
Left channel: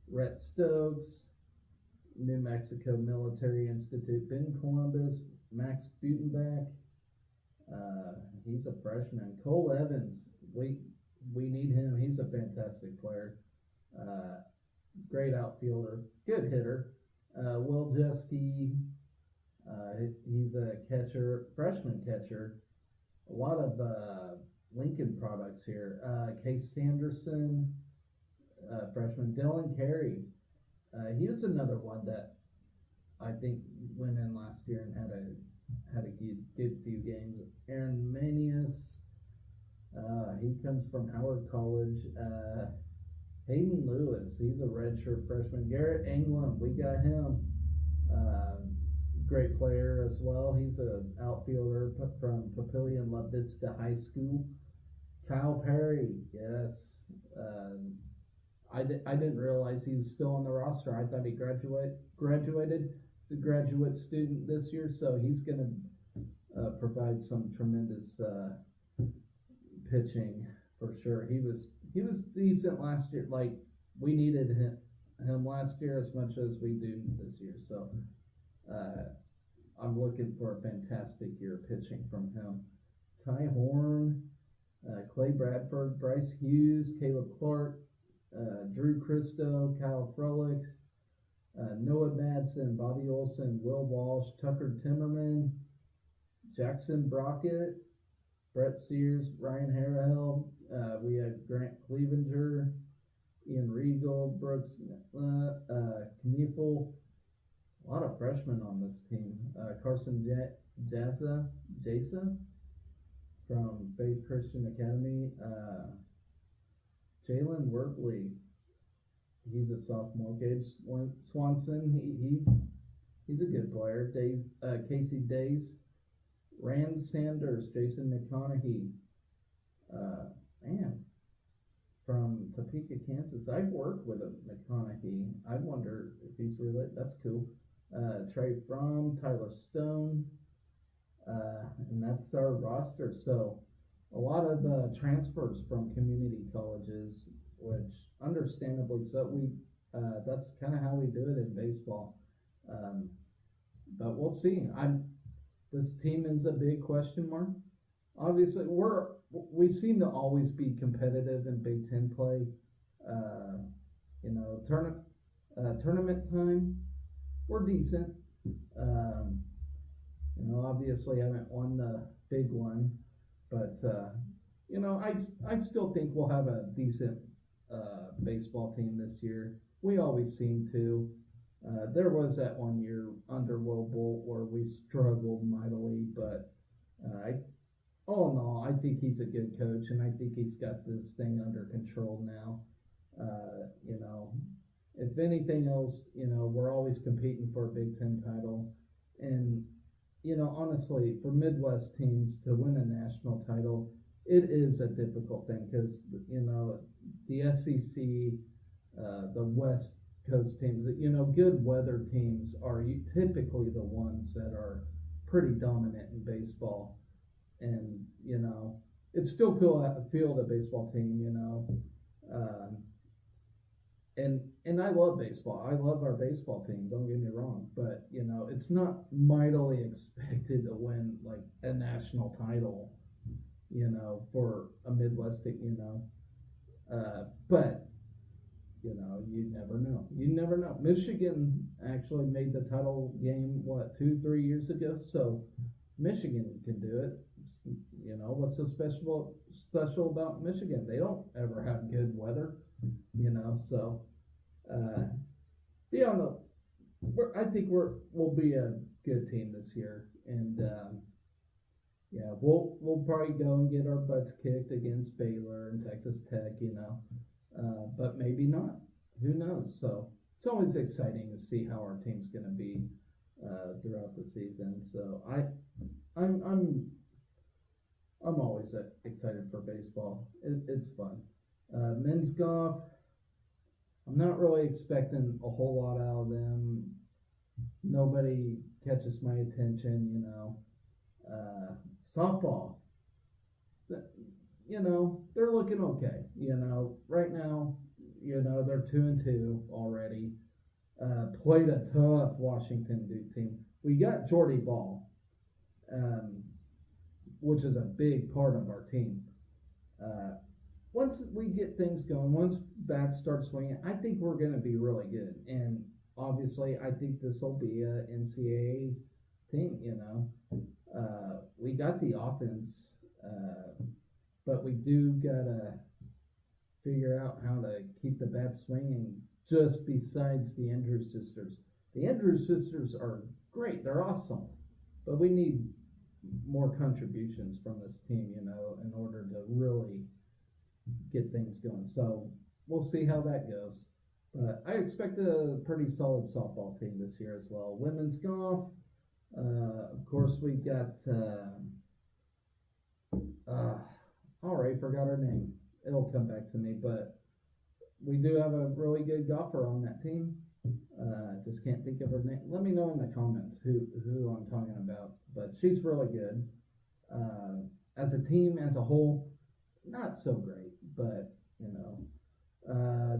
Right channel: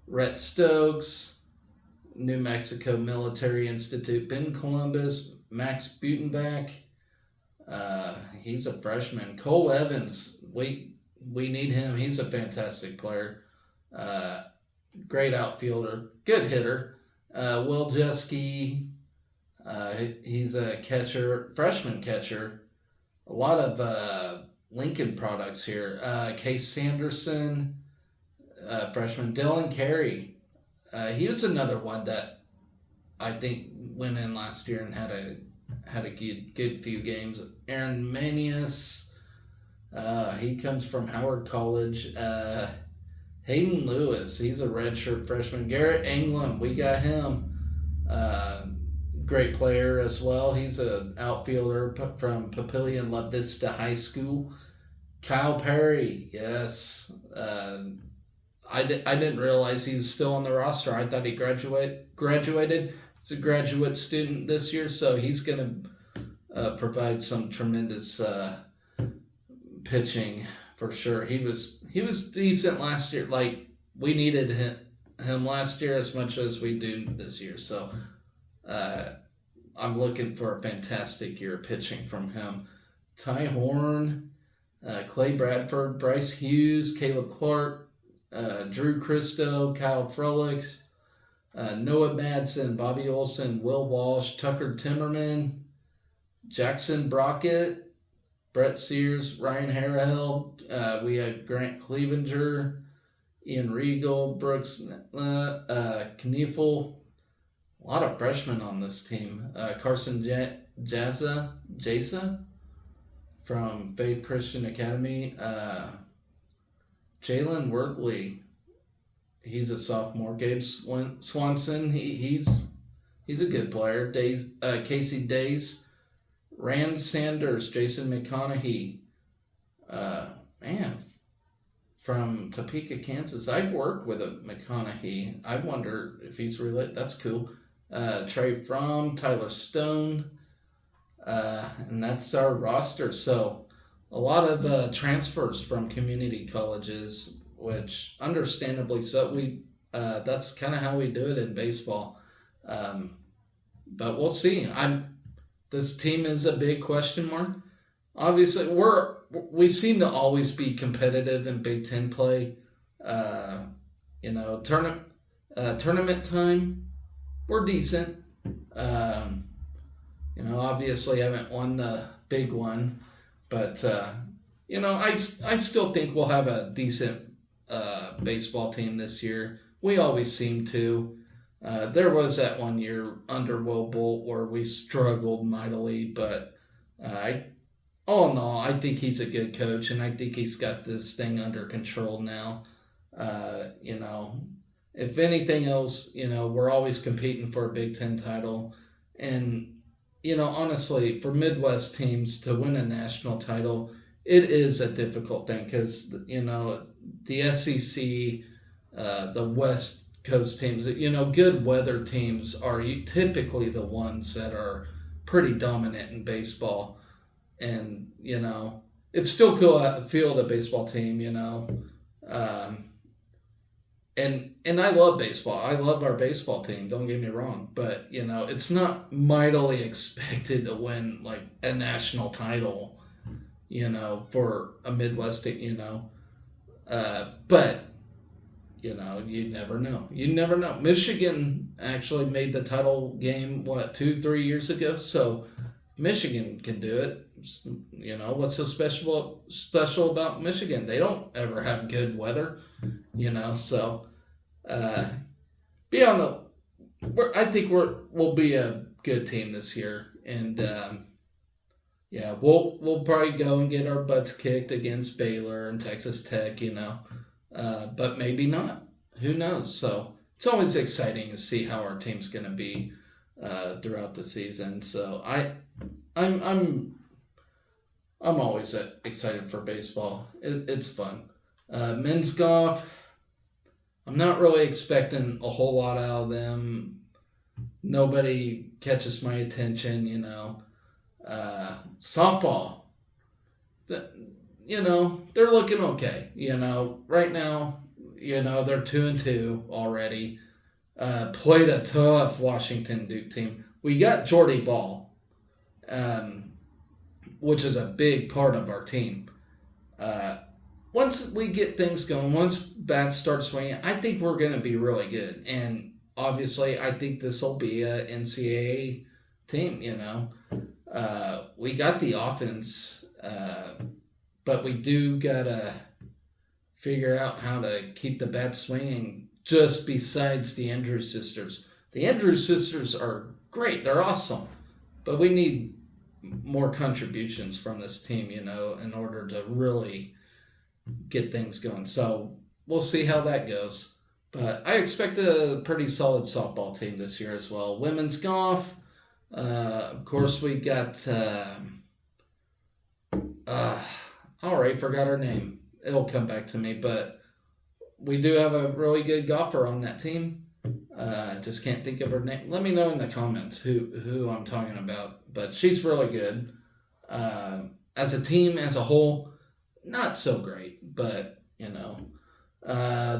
Rhett Stokes, New Mexico Military Institute. Ben Columbus, Max Butenbach, he's a freshman. Cole Evans, we need him. He's a fantastic player. Great outfielder, good hitter. Will Jeske, he's a catcher, freshman catcher. A lot of Lincoln products here. Case Sanderson, freshman. Dylan Carey, he was another one that I think went in last year and had a good few games. Aaron Manius, he comes from Howard College. Hayden Lewis, he's a redshirt freshman. Garrett Anglin, we got him. Uh, Great player as well. He's an outfielder from Papillion La Vista High School. Kyle Perry, yes. I didn't realize he's still on the roster. I thought he graduated. He's a graduate student this year, so he's going to provide some tremendous pitching for sure. He was decent last year. Like, we needed him last year as much as we do this year. So I'm looking for a fantastic year pitching from him. Ty Horn, Clay Bradford, Bryce Hughes, Caleb Clark, Drew Christo, Kyle Frolics, Noah Madsen, Bobby Olson, Will Walsh, Tucker Timmerman, Jackson Brockett, Brett Sears, Ryan Harrell. We had Grant Clevenger, Ian Regal, Brooks Kniefel. A lot of freshmen on this team. Carson Jasa from Faith Christian Academy. Jalen Wortley, he's a sophomore. Gabe Swanson, he's a good player. Casey Days, Rand Sanders, Jason McConaughey, from Topeka, Kansas. I've worked with a McConaughey. I wonder if he's related. That's cool. Trey Fromm, Tyler Stone, and that's our roster. So a lot of transfers from community colleges, which understandably so. That's kind of how we do it in baseball. But we'll see. This team is a big question mark. Obviously, we seem to always be competitive in Big Ten play. Tournament time, we're decent. Obviously haven't won the big one, but I still think we'll have a decent baseball team this year. We always seem to. There was that one year under Will Bolt where we struggled mightily, but all in all, I think he's a good coach, and I think he's got this thing under control now. If anything else, we're always competing for a Big Ten title. And, honestly, for Midwest teams to win a national title, it is a difficult thing because, the SEC, the West Coast teams, good weather teams are typically the ones that are pretty dominant in baseball. And, it's still cool to field a baseball team, And I love baseball. I love our baseball team. Don't get me wrong. But, it's not mightily expected to win, like, a national title, for a Midwest team, But, you never know. You never know. Michigan actually made the title game, 2-3 years ago? So Michigan can do it. What's so special about Michigan? They don't ever have good weather, so I think we'll be a good team this year, and we'll probably go and get our butts kicked against Baylor and Texas Tech, but maybe not. Who knows? So it's always exciting to see how our team's going to be throughout the season. So I'm always excited for baseball. It's fun. Men's golf, I'm not really expecting a whole lot out of them. Nobody catches my attention, Softball, they're looking okay. Right now, they're 2-2 already. Played a tough Washington Duke team. We got Jordy Ball, which is a big part of our team. Once we get things going, once bats start swinging, I think we're going to be really good. And obviously, I think this will be a NCAA team, We got the offense, but we do got to figure out how to keep the bats swinging just besides the Andrews sisters. The Andrews sisters are great. They're awesome. But we need more contributions from this team, in order to really get things going. So we'll see how that goes. But I expect a pretty solid softball team this year as well. Women's golf, of course, we got. Uh, all right, forgot her name. It'll come back to me, but we do have a really good golfer on that team. Just can't think of her name. Let me know in the comments who I'm talking about. But she's really good. As a team, as a whole, not so great, but you know.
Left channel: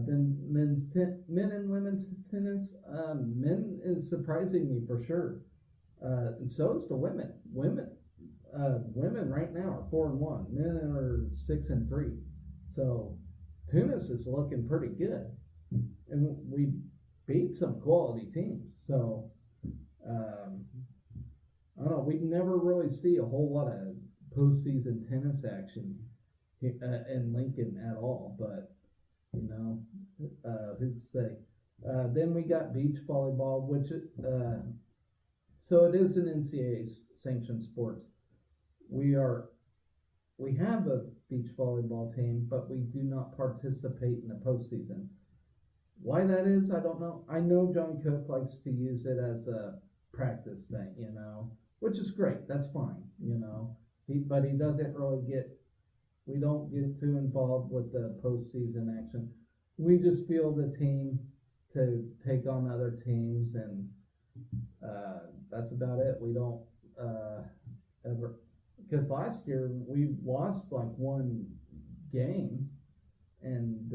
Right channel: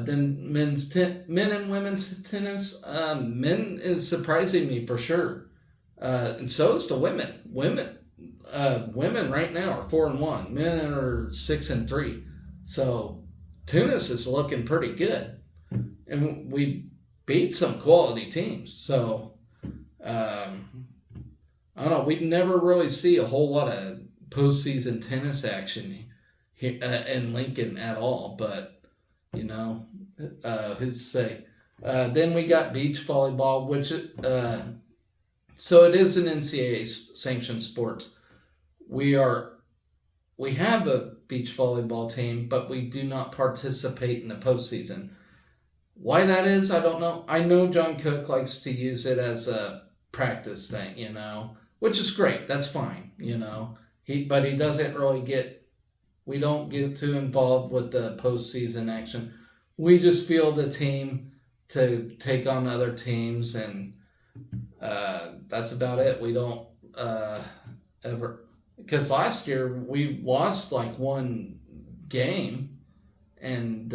Then men and women's tennis. Men is surprising me for sure, and so is the women. Women right now are 4-1. Men are 6-3. So tennis is looking pretty good, and we beat some quality teams. So I don't know. We never really see a whole lot of postseason tennis action here in Lincoln at all. But you know, who's to say? Then we got beach volleyball, which so it is an NCAA sanctioned sport. We have a beach volleyball team, but we do not participate in the postseason. Why that is, I don't know. I know John Cook likes to use it as a practice thing, which is great. That's fine, but he doesn't really we don't get too involved with the postseason action. We just field a team to take on other teams, and that's about it. We don't ever, because last year we lost like one game, and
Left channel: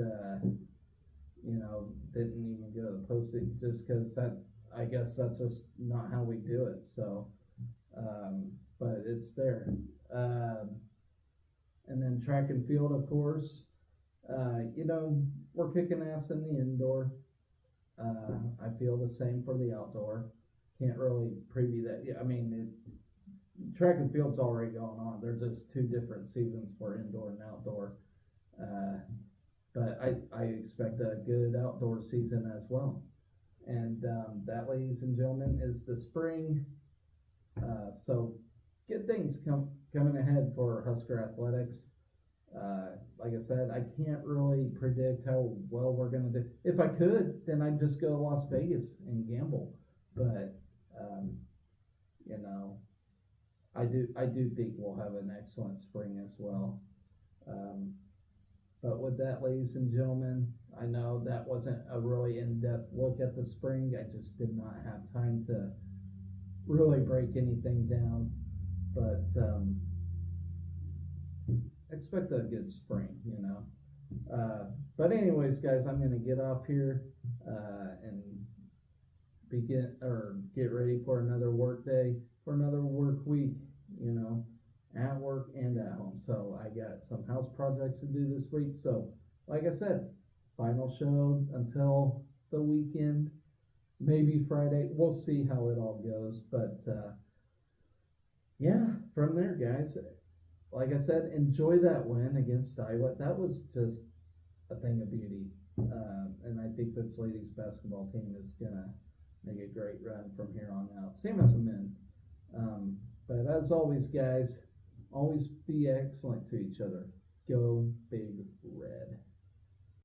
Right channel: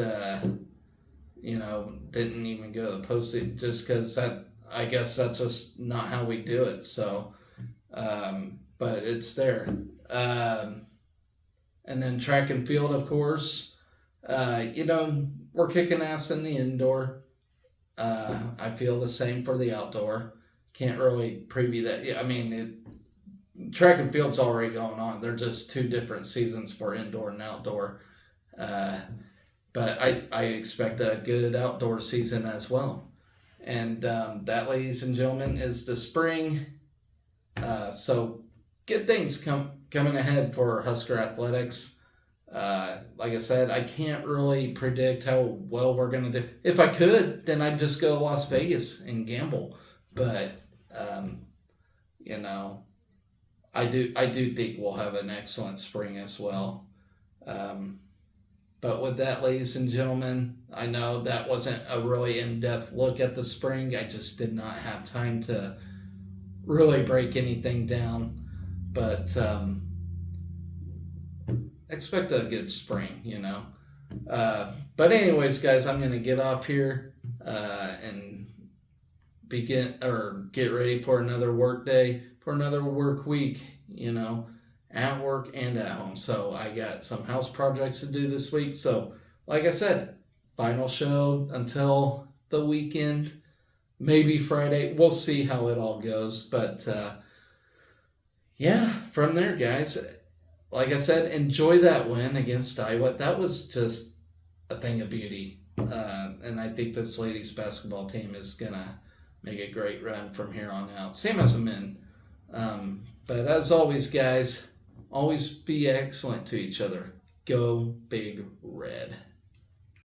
didn't even go to the postseason just because I guess that's just not how we do it. So, but it's there. And then track and field, of course. We're kicking ass in the indoor. I feel the same for the outdoor. Can't really preview that. Yeah, I mean, track and field's already going on. They're just two different seasons for indoor and outdoor. But I expect a good outdoor season as well. And that, ladies and gentlemen, is the spring. So good things coming ahead for Husker Athletics. Like I said, I can't really predict how well we're going to do. If I could, then I'd just go to Las Vegas and gamble. But, I do think we'll have an excellent spring as well. But with that, ladies and gentlemen, I know that wasn't a really in-depth look at the spring. I just did not have time to really break anything down. But expect a good spring, But anyways, guys, I'm going to get off here and get ready for another work day, for another work week, at work and at home. So I got some house projects to do this week. So like I said, final show until the weekend, maybe Friday. We'll see how it all goes. But from there, guys, like I said, enjoy that win against Iowa. That was just a thing of beauty. And I think this ladies basketball team is going to make a great run from here on out. Same as the men. But as always, guys, always be excellent to each other. Go Big Red.